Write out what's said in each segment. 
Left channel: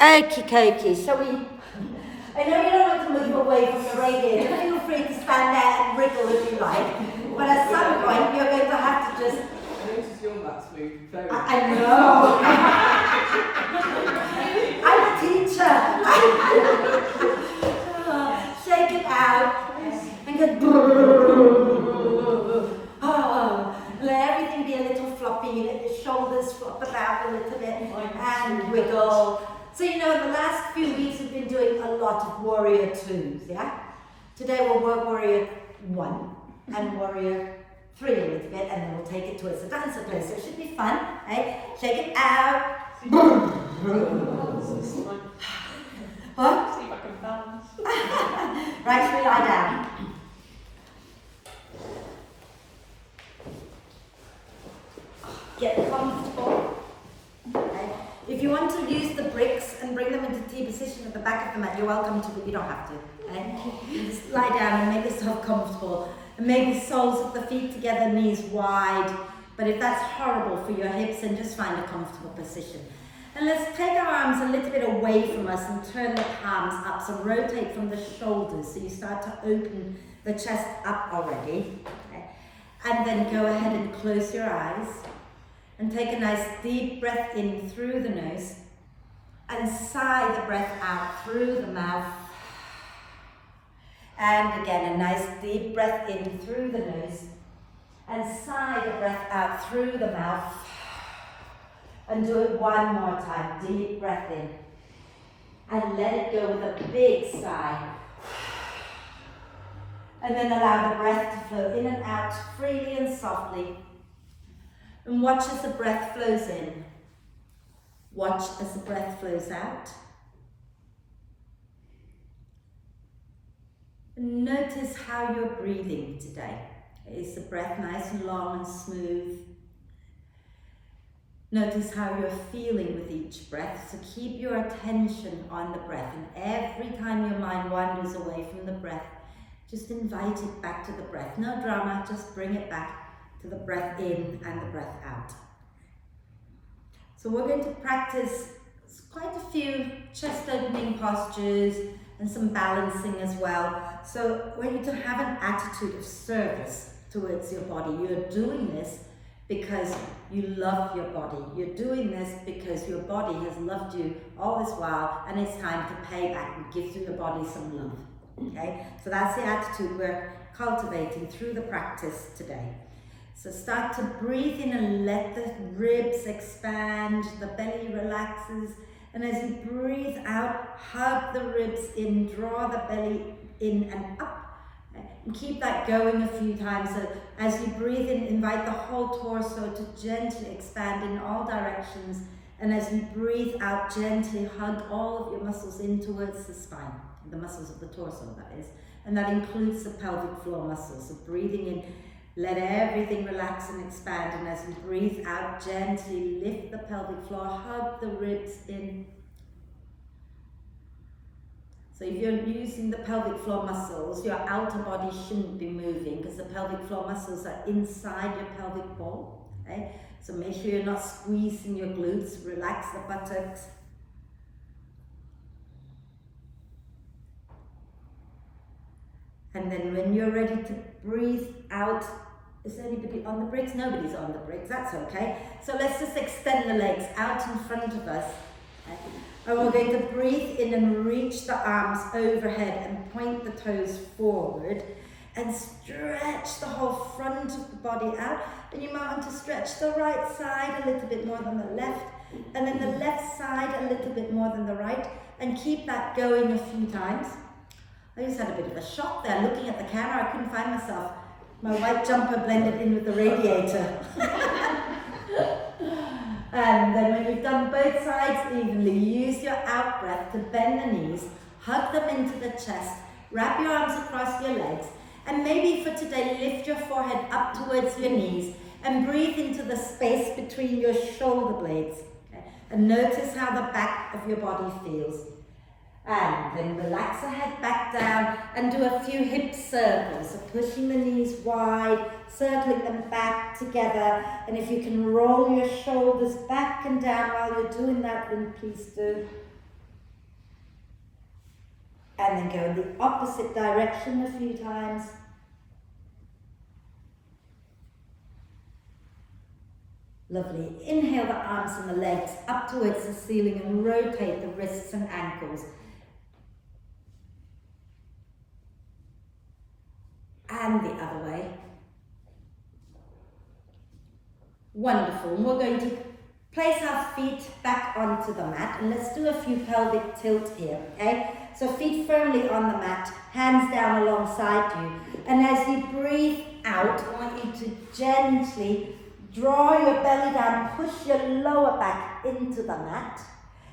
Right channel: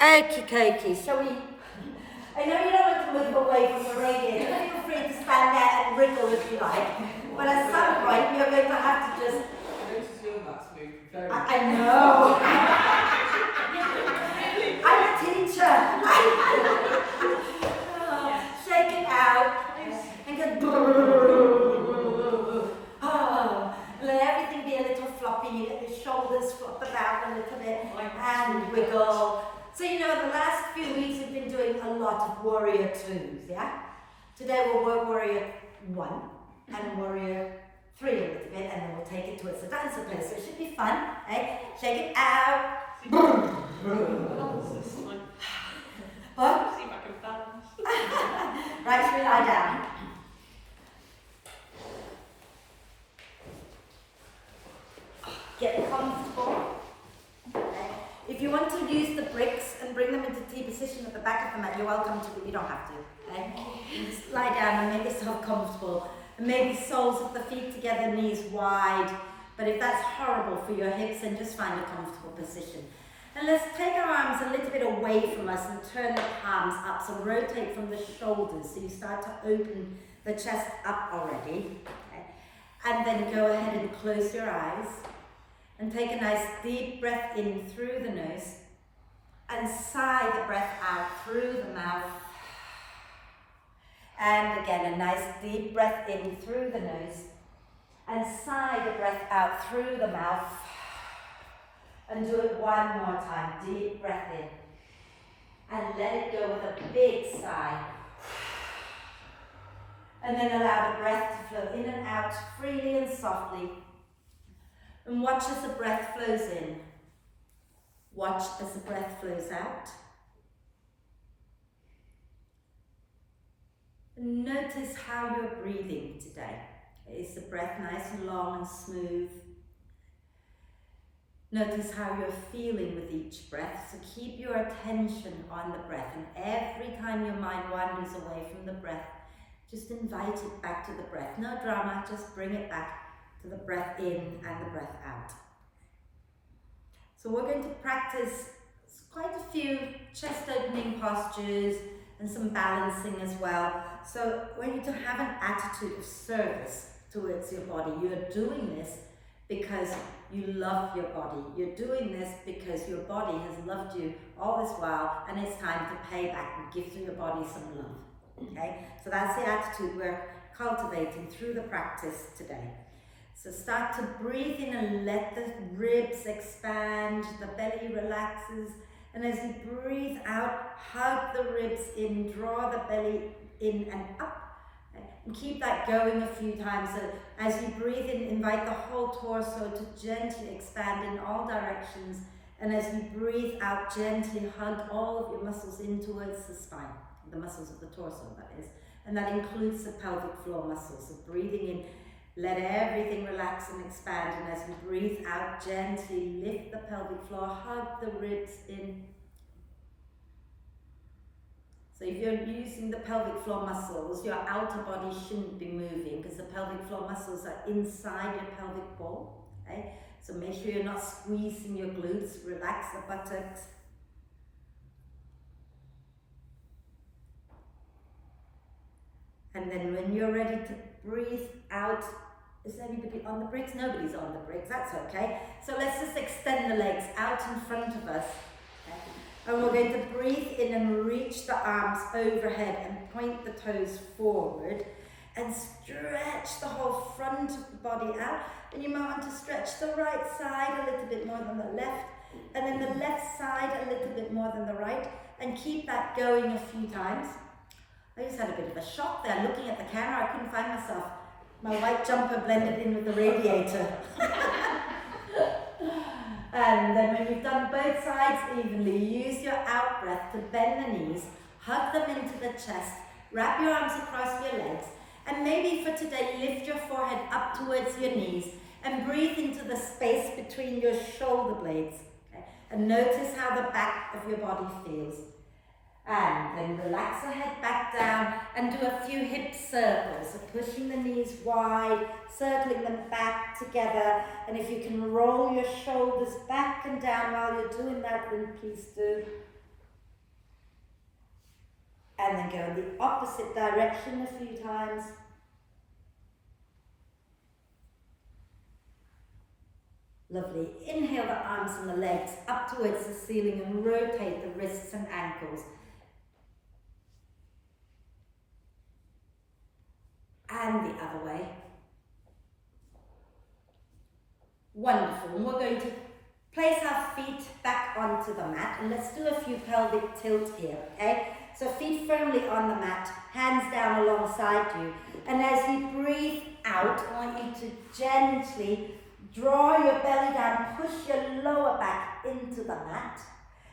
Okie dokie, shall we? I know you don't want to move away from the radiator. Feel free to stand there and wriggle if you like. But at some point, you're going to have to just. I noticed your lats move very I know. I'm a teacher. Shake it out and go. Let everything be a little floppy. Let your shoulders flop about a little bit and wiggle. So you know, the last few weeks we've been doing a lot of warrior twos, yeah? Today we'll work warrior 1 and warrior 3 a little bit, and then we'll take it towards the dancer pose. So it should be fun, right? Shake it out. What? See if I can balance. Right, should we lie down? Get comfortable. Okay. If you want to use the bricks and bring them into T position at the back of the mat, you're welcome to, but you don't have to. Okay? You just lie down and make yourself comfortable. And maybe soles of the feet together, knees wide. But if that's horrible for your hips, then just find a comfortable position. And let's take our arms a little bit away from us and turn the palms up. So rotate from the shoulders. So you start to open the chest up already. Okay? And then go ahead and close your eyes. And take a nice deep breath in through the nose. And sigh the breath out through the mouth. And again, a nice deep breath in through the nose. And sigh the breath out through the mouth. And do it one more time. Deep breath in. And let it go with a big sigh. And then allow the breath to flow in and out freely and softly. And watch as the breath flows in. Watch as the breath flows out. And notice how you're breathing today. Is the breath nice and long and smooth? Notice how you're feeling with each breath. So keep your attention on the breath. And every time your mind wanders away from the breath, just invite it back to the breath. No drama, just bring it back to the breath in and the breath out. So we're going to practice quite a few chest opening postures and some balancing as well. So I want you to have an attitude of service towards your body. You're doing this because you love your body. You're doing this because your body has loved you all this while, and it's time to pay back and give to your body some love. Okay? So that's the attitude we're cultivating through the practice today. So start to breathe in and let the ribs expand, the belly relaxes. And as you breathe out, hug the ribs in, draw the belly in and up. And keep that going a few times. So as you breathe in, invite the whole torso to gently expand in all directions. And as you breathe out, gently hug all of your muscles in towards the spine, the muscles of the torso, that is. And that includes the pelvic floor muscles. So breathing in, let everything relax and expand, and as you breathe out, gently lift the pelvic floor, hug the ribs in. So if you're using the pelvic floor muscles, your outer body shouldn't be moving because the pelvic floor muscles are inside your pelvic ball. Okay? So make sure you're not squeezing your glutes, relax the buttocks. And then when you're ready to breathe out, is anybody on the bricks? Nobody's on the bricks, that's okay. So let's just extend the legs out in front of us. Okay? And we're going to breathe in and reach the arms overhead and point the toes forward and stretch the whole front of the body out. And you might want to stretch the right side a little bit more than the left, and then the left side a little bit more than the right, and keep that going a few times. I just had a bit of a shock there looking at the camera. I couldn't find myself. My white jumper blended in with the radiator. And then when you've done both sides evenly, use your out breath to bend the knees, hug them into the chest, wrap your arms across your legs, and maybe for today, lift your forehead up towards your knees and breathe into the space between your shoulder blades. Okay? And notice how the back of your body feels. And then relax the head back down and do a few hip circles. So pushing the knees wide, circling them back together. And if you can roll your shoulders back and down while you're doing that, then please do. And then go in the opposite direction a few times. Lovely. Inhale the arms and the legs up towards the ceiling and rotate the wrists and ankles. And the other way. Wonderful. And we're going to place our feet back onto the mat, and let's do a few pelvic tilts here, okay? So feet firmly on the mat, hands down alongside you. And as you breathe out, I want you to gently draw your belly down, push your lower back into the mat.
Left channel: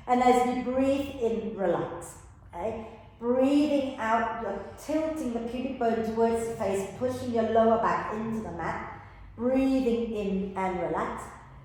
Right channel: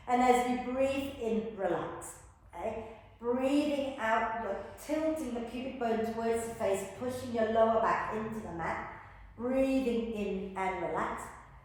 And as you breathe in, relax, okay? Breathing out, you're tilting the pubic bone towards the face, pushing your lower back into the mat. Breathing in and relax.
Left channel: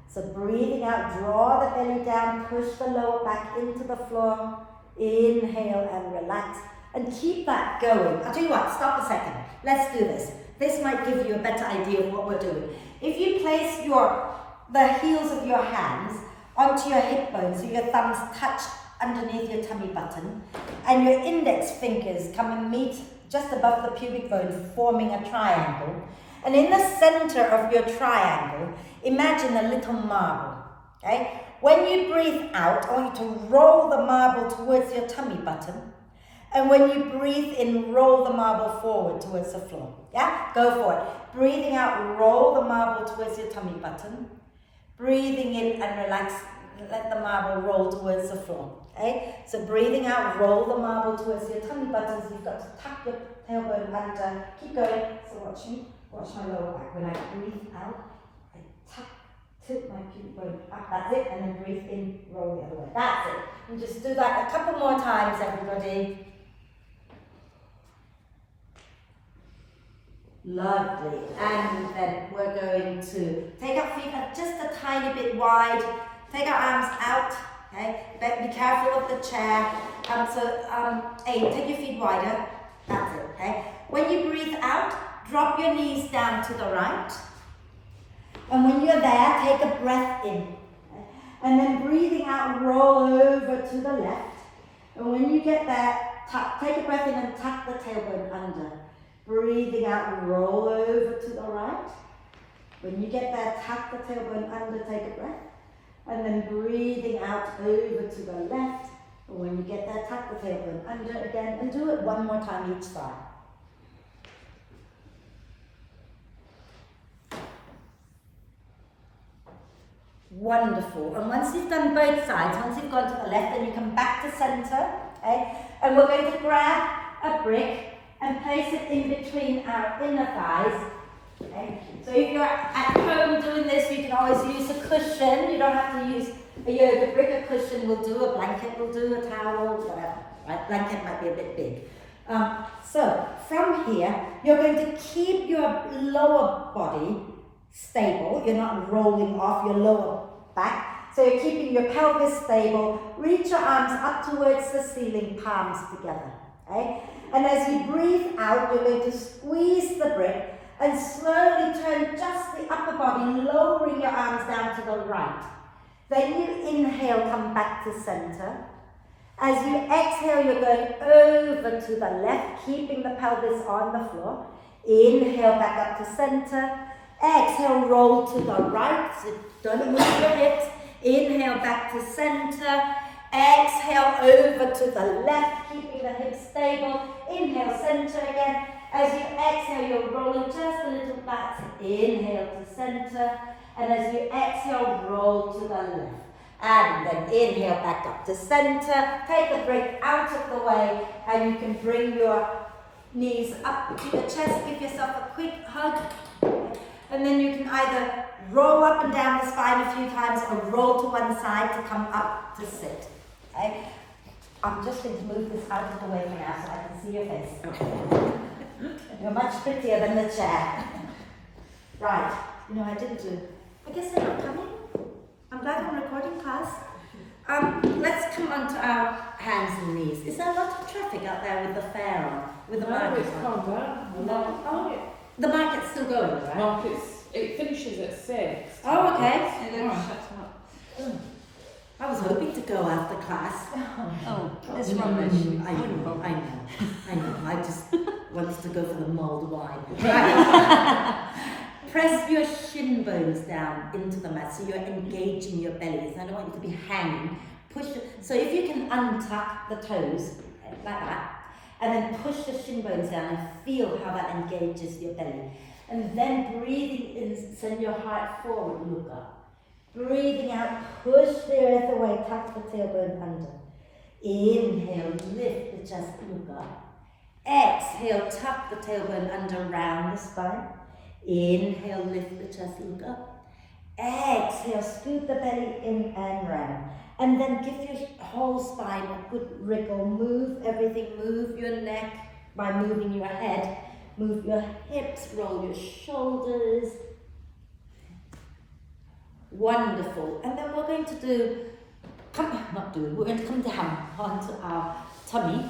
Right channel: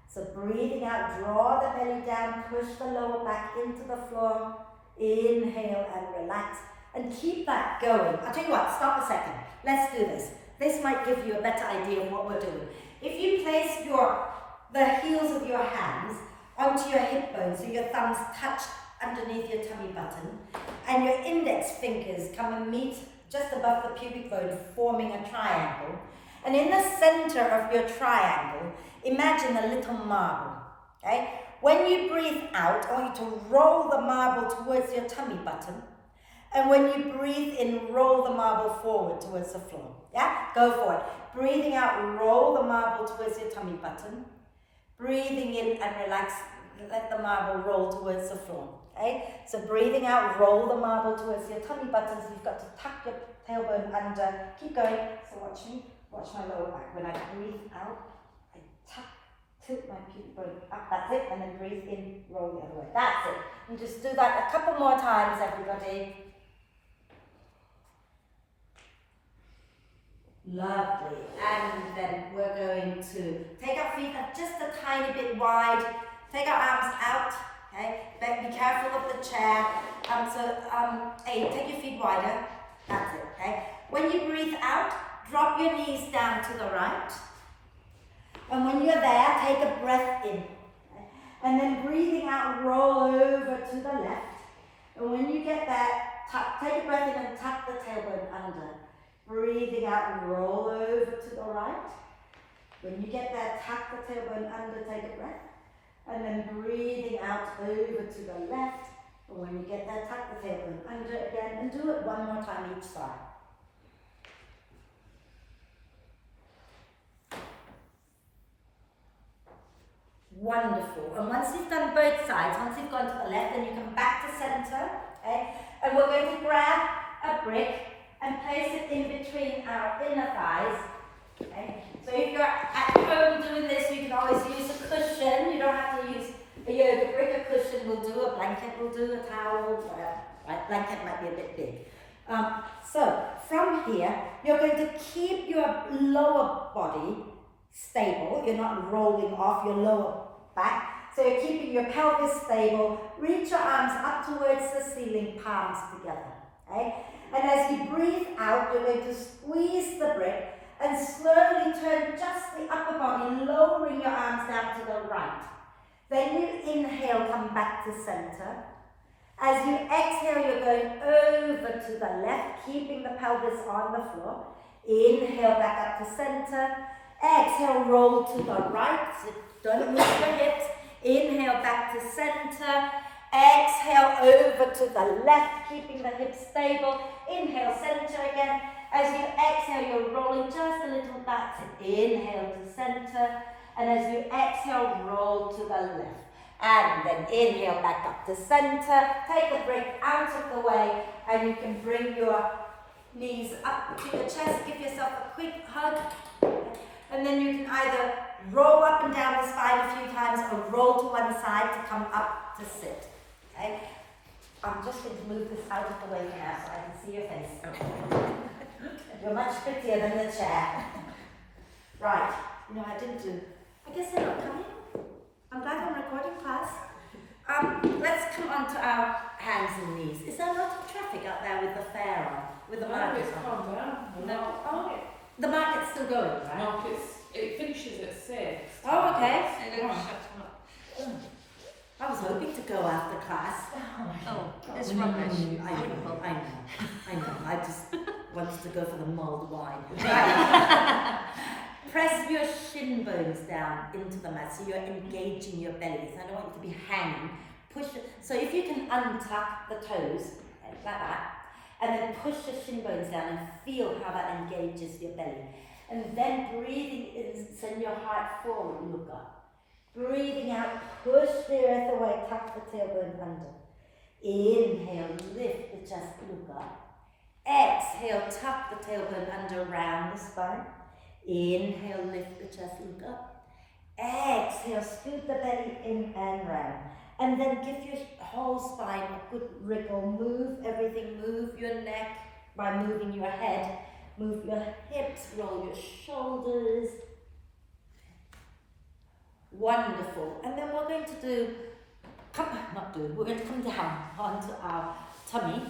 So breathing out, draw the belly down, push the lower back into the floor. Inhale and relax. And keep that going. I'll tell you what, stop a second. Let's do this. This might give you a better idea of what we're doing. If you place the heels of your hands onto your hip bones, so your thumbs touch underneath your tummy button, and your index fingers come and meet just above the pubic bone, forming a triangle. And in the center of your triangle, imagine a little marble, okay? When you breathe out, I want you to roll the marble towards your tummy button. And when you breathe in, roll the marble forward towards the floor. Yeah? Go for it. Breathing out, roll the marble towards your tummy button. Breathing in and relax, let the marble roll towards the floor. Okay? So breathing out, roll the marble towards your tummy button. So you've got to tuck your tailbone under. Keep going. So watch me. Watch my lower back. When I breathe out, I tilt my pubic bone up. That's it. And then breathe in, roll the other way. That's it. You just do that a couple more times, everybody. Lovely. And then we're going to take our feet just a tiny bit wide. Take our arms out. Okay. Be careful of the chair. Take your feet wider. That's it. Okay. When you breathe out, drop your knees down to the right. And when you're there, take a breath in. Okay. And then breathing out, roll over to the left. And when you get there, take a breath in and tuck the tailbone under. Breathing out, roll over to the right. When you get there, tuck the tailbone under, take a breath. And then breathing out over to the left. And when you get there, tuck the tailbone under again. And do it one more time each side. Wonderful. And once you've done both sides, once you've gone to the left, then you come back to center. Okay? And we're going to grab a brick and place it in between our inner thighs. Okay? So if you're at home doing this, you can always use a cushion. You don't have to use a yoga brick. A cushion will do, a blanket will do, a towel, whatever. Right? Blanket might be a bit big. So from here, you're going to keep your lower body stable. You're not rolling off your lower back. So you're keeping your pelvis stable. Reach your arms up towards the ceiling, palms together. Okay? And as you breathe out, you're going to squeeze the brick and slowly turn just the upper body, lowering your arms down to the right. Then you inhale, come back to center. As you exhale, you're going over to the left, keeping the pelvis on the floor. Inhale, back up to center. Exhale, roll to the right. So don't move your hips. Inhale, back to center. Exhale, over to the left, keeping the hips stable. Inhale, center again. As you exhale, you're rolling just a little back. Inhale to center. And as you exhale, roll to the left. And then inhale, back up to center. Take the brick out of the way. And you can bring your knees up to your chest. Give yourself a quick hug. And then you can either roll up and down the spine a few times or roll to one side to come up to sit. Okay? I'm just going to move this out of the way now so I can see your face. You're much prettier than the chair. Right. I guess they're not coming. I'm glad I'm recording class. Let's come on to our hands and knees. Is there a lot of traffic out there with the fair on? With the market it's on? calmed down. No. The market's still going, right? It finishes at 6. Oh, okay. And then it shuts up. I was hoping to go after class. Oh, It's rubbish. I know. I just wanted to go for the mulled wine. Right. Press your shin bones down into the mat so you're engaging your belly. So I don't want you to be hanging. Push it. So if you can untuck the toes like that, and then push your shin bones down and feel how that engages your belly. And then breathing in, send your heart forward, look up. Breathing out, push the earth away, tuck the tailbone under. Inhale, lift the chest, look up. Exhale, tuck the tailbone under, round the spine. Inhale, lift the chest, look up. Exhale, scoot the belly in and round. And then give your whole spine a good wriggle. Move everything, move your neck by moving your head. Move your hips, roll your shoulders. Wonderful. And then we're going to we're going to come down onto our tummy,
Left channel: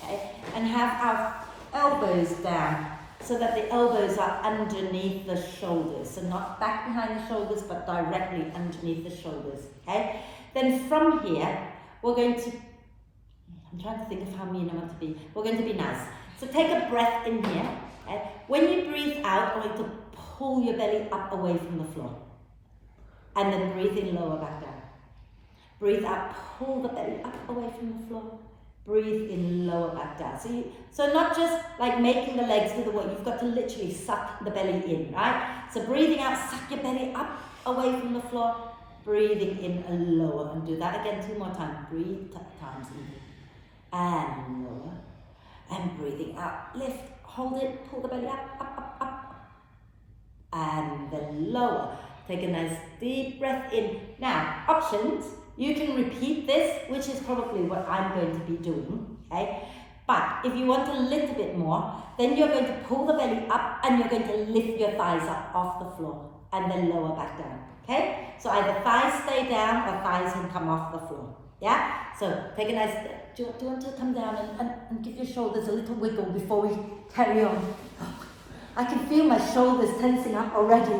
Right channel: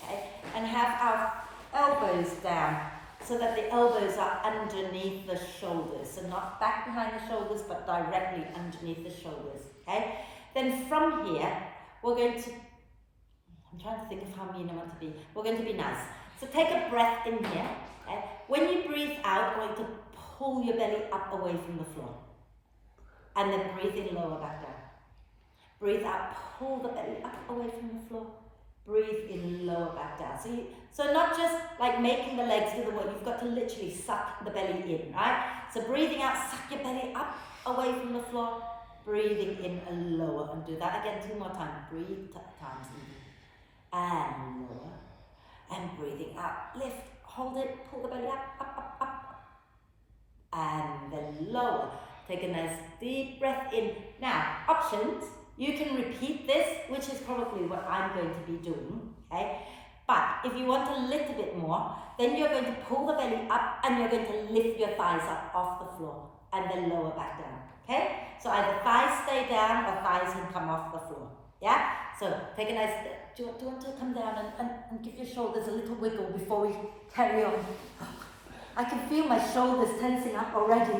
okay, and have our elbows down so that the elbows are underneath the shoulders. So not back behind the shoulders, but directly underneath the shoulders, okay? Then from here, we're going to, I'm trying to think of how mean I want to be. We're going to be nice. So take a breath in here, okay? When you breathe out, we're going to pull your belly up away from the floor. And then breathe in, lower back down. Breathe out, pull the belly up away from the floor. Breathe in, lower back down. So not just like making the legs do the work, you've got to literally suck the belly in, right? So breathing out, suck your belly up away from the floor. Breathing in and lower. And do that again 2 more times. Breathe times even. And lower. And breathing out, lift, hold it, pull the belly up, up, up, up. And then lower. Take a nice deep breath in. Now, options. You can repeat this, which is probably what I'm going to be doing, okay? But if you want a little bit more, then you're going to pull the belly up and you're going to lift your thighs up off the floor and then lower back down, okay? So either thighs stay down or thighs can come off the floor, yeah? So take a nice, do you want to come down and give your shoulders a little wiggle before we carry on? I can feel my shoulders tensing up already.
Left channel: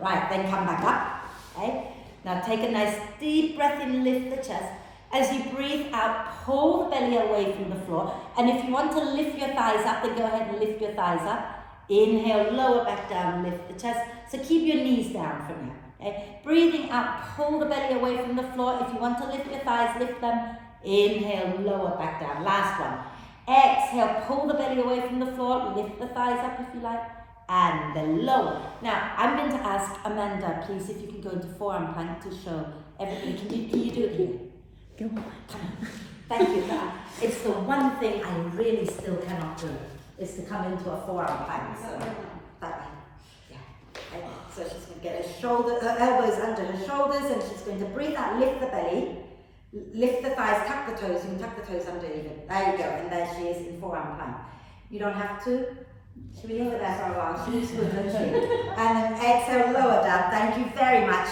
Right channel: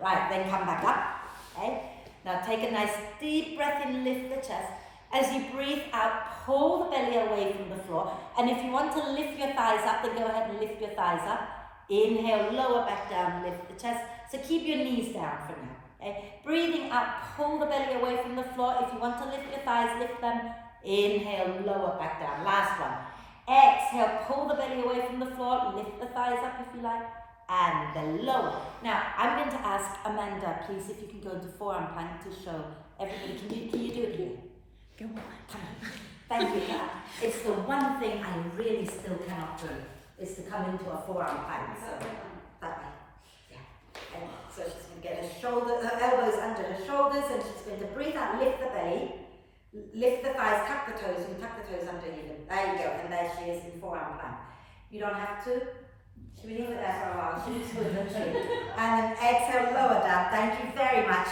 Right, then come back up, okay? Now take a nice deep breath in, lift the chest. As you breathe out, pull the belly away from the floor. And if you want to lift your thighs up, then go ahead and lift your thighs up. Inhale, lower back down, lift the chest. So keep your knees down for now, okay? Breathing out, pull the belly away from the floor. If you want to lift your thighs, lift them. Inhale, lower back down. Last one. Exhale, pull the belly away from the floor. Lift the thighs up if you like. And then lower. Now, I'm going to ask Amanda, please, if you can go into forearm plank to show everybody. Can you do it here? Come on. Thank you. It's the one thing I really still cannot do, is to come into a forearm plank. So, that way. Yeah. Okay. So she's going to get her elbows under her shoulders, and she's going to breathe out, lift the belly, lift the thighs, tuck the toes. You can tuck the toes under even. There you go. And there she is in forearm plank. You don't have to. Should we leave it there for a while? She's good, doesn't she? And then exhale, lower down. Thank you very much.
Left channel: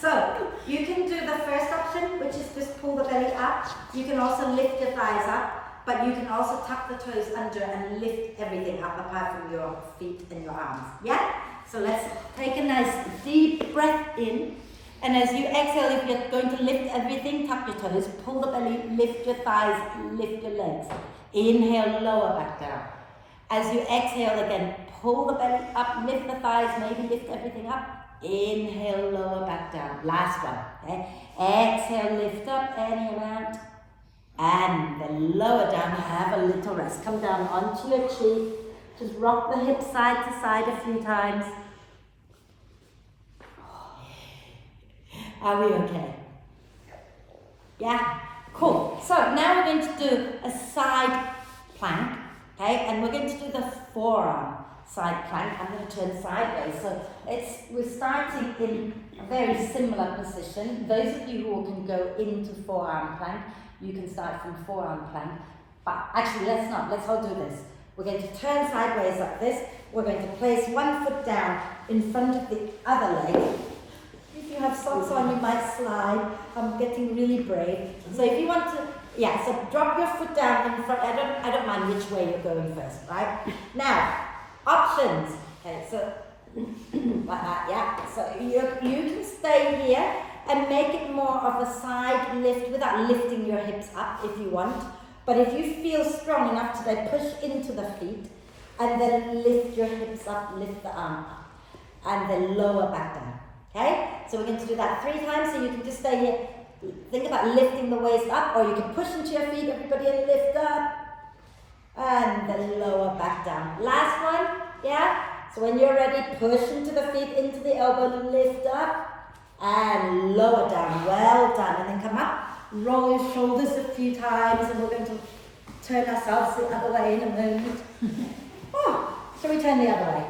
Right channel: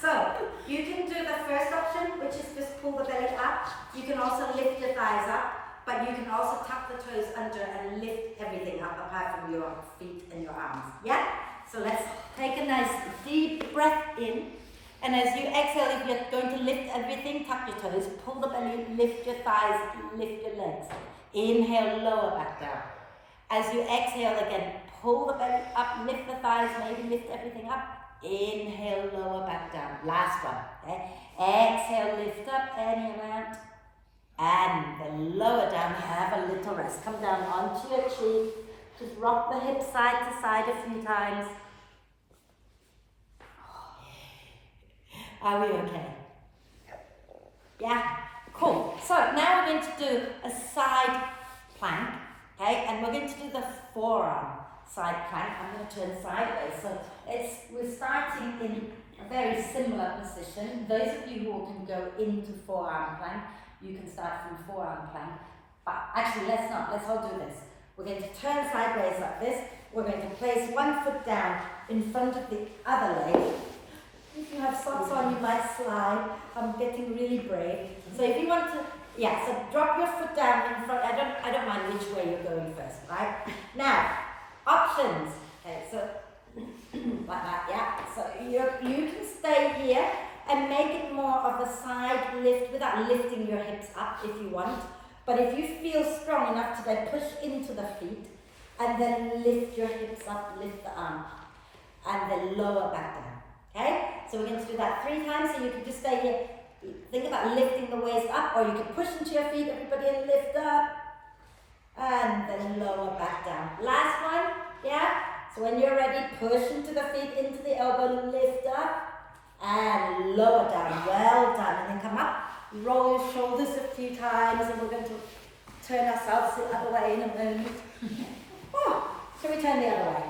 So, you can do the first option, which is just pull the belly up. You can also lift your thighs up, but you can also tuck the toes under and lift everything up apart from your feet and your arms. Yeah? So let's take a nice deep breath in. And as you exhale, if you're going to lift everything, tuck your toes, pull the belly, lift your thighs, lift your legs. Inhale, lower back down. As you exhale again, pull the belly up, lift the thighs, maybe lift everything up. Inhale, lower back down. Last one, okay? Exhale, lift up any amount. And then lower down, have a little rest. Come down onto your cheek. Just rock the hips side to side a few times. Are we okay? Yeah? Cool. So now we're going to do a side plank. Okay, and we're going to do the forearm side plank. I'm going to turn sideways. So we're starting in a very similar position. Those of you who can go into forearm plank, you can start from forearm plank. But actually, let's not. Let's all do this. We're going to turn sideways like this. We're going to place one foot down in front of the other leg. If you have socks on, you might slide. I'm getting really brave. So if you want to, yeah, so drop your foot down in front. I don't mind which way you're going first, right? Now, options. Okay, so like that, yeah. So you can stay here, And make it more of a side lift without lifting your hips up if you want. But if you feel strong enough today, push into the feet and then lift your hips up, lift the arm up, and then lower back down. Okay? So we're going to do that 3 times, so you can just stay here. Think about lifting the waist up, or you can push into your feet, everybody, and lift up, and then lower back down. Last one, yeah? So when you're ready, push into the feet, into the elbow, lift up, and lower down. Well done. And then come up, roll your shoulders a few times, and we're going to turn ourselves the other way in a moment. Oh, shall we turn the other way?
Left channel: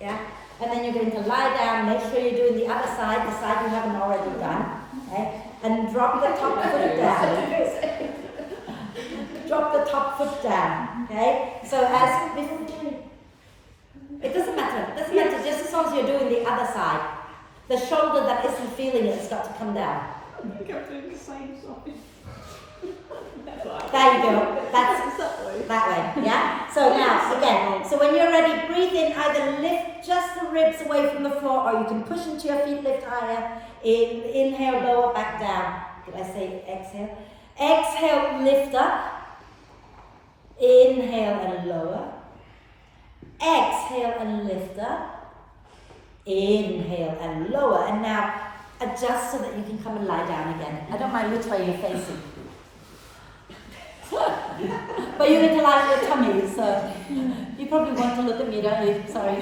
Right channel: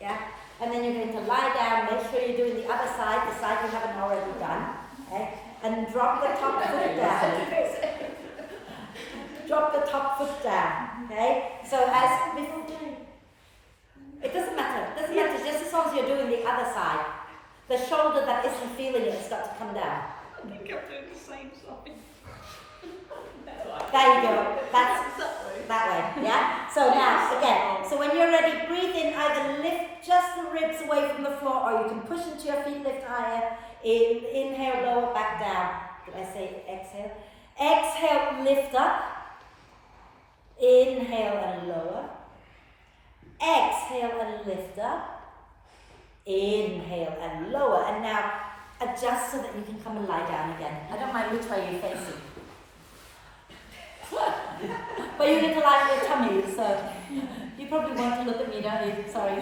Yeah? And then you're going to lie down, make sure you're doing the other side, the side you haven't already done. Okay? And drop the top foot down. Drop the top foot down. Okay? So as before, it doesn't matter, just as long as you're doing the other side. The shoulder that isn't feeling it has got to come down. I think I'm doing the same side. There you go. That's that way. Yeah? So now, again, so when you're ready, breathe in, either lift just the ribs away from the floor, or you can push into your feet, lift higher. Inhale, lower, back down. Did I say exhale? Exhale, lift up. Inhale and lower. Exhale and lift up. Inhale and lower. And now adjust so that you can come and lie down again. I don't mind which way you're facing. But you're going to lie on your tummy, so you probably want to look at me, don't you? Sorry.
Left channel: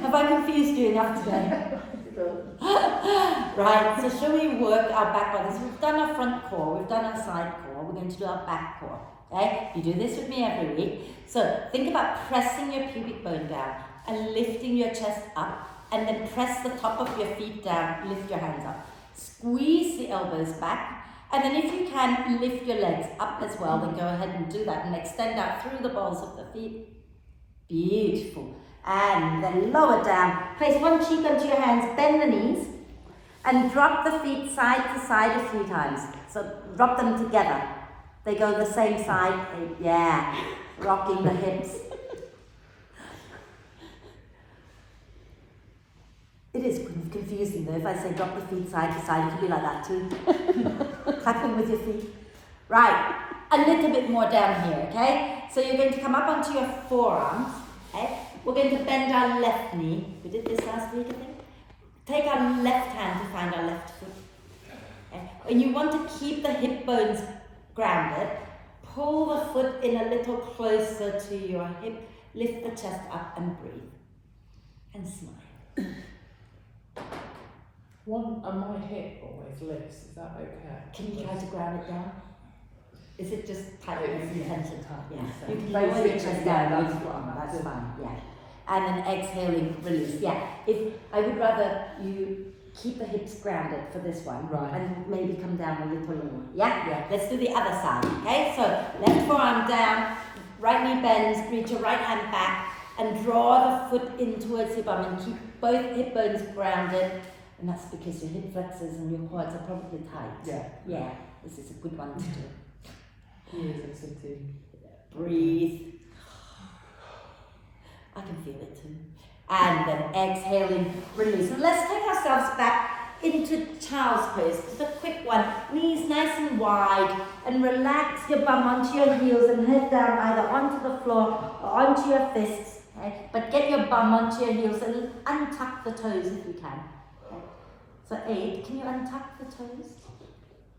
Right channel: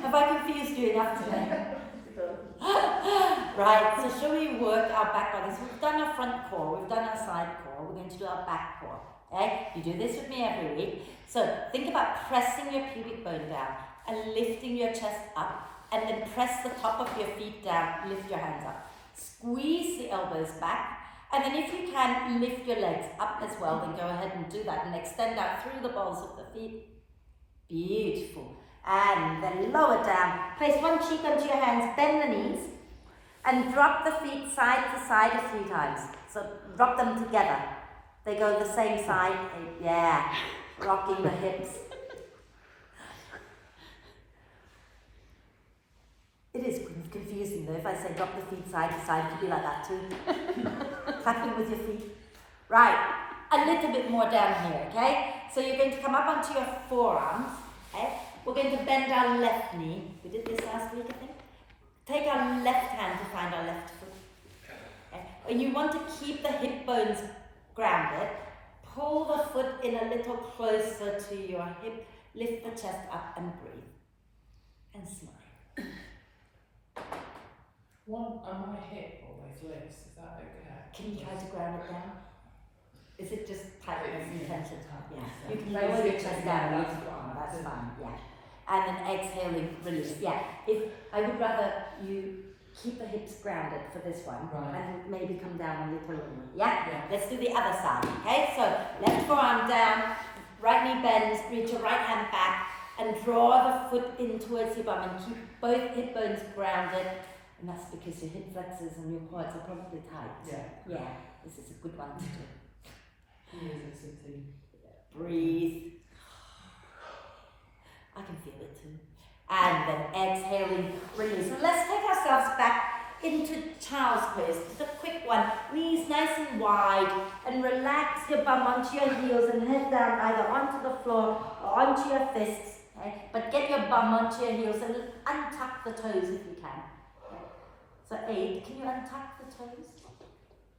Have I confused you enough today? Right, so shall we work our back bodies? We've done our front core, we've done our side core, we're going to do our back core. Okay? You do this with me every week. So think about pressing your pubic bone down and lifting your chest up, and then press the top of your feet down, lift your hands up. Squeeze the elbows back, and then if you can, lift your legs up as well, then go ahead and do that and extend out through the balls of the feet. Beautiful. And then lower down. Place one cheek onto your hands, bend the knees, and drop the feet side to side a few times. So drop them together. They go the same side. Yeah. Rocking the hips. It is confusing though. If I say drop the feet side to side, it could be like that too. Clapping with your feet. Right. A little bit more down here, okay? So you're going to come up onto your forearms, okay? We're going to bend our left knee. We did this last week, I think. Take our left hand to find our left foot. Okay? And you want to keep the hip bones grounded. Pull the foot in a little closer to your hip. Lift the chest up and breathe. And smile. One and my hip always lifts, is that okay? Can you try to ground it down? Is it just tightness and tension? Yeah. You can Raise lower it your chest down. that's fine. That's fine. Yeah. And then exhaling, release. Yeah. If I would rather you keep the hips grounded for this one, Right. and maybe come down a little lower. Yeah. Yeah. Let's do the other side. Okay. So left forearm down, right knee bends. Reach your right hand back and draw the foot in towards your bum and keep both hip bones grounded. And that's because your hip flexors and your quads are probably tight. Yeah. Yeah. This is a good one to do. Years of sitting. Breathe. I can feel it too. And then exhaling, release. And let's take ourselves back into child's pose. Just a quick one. Knees nice and wide. And relax your bum onto your heels and head down either onto the floor or onto your fists. Okay? But get your bum onto your heels and untuck the toes if you can. Okay? So 8, can you untuck the toes?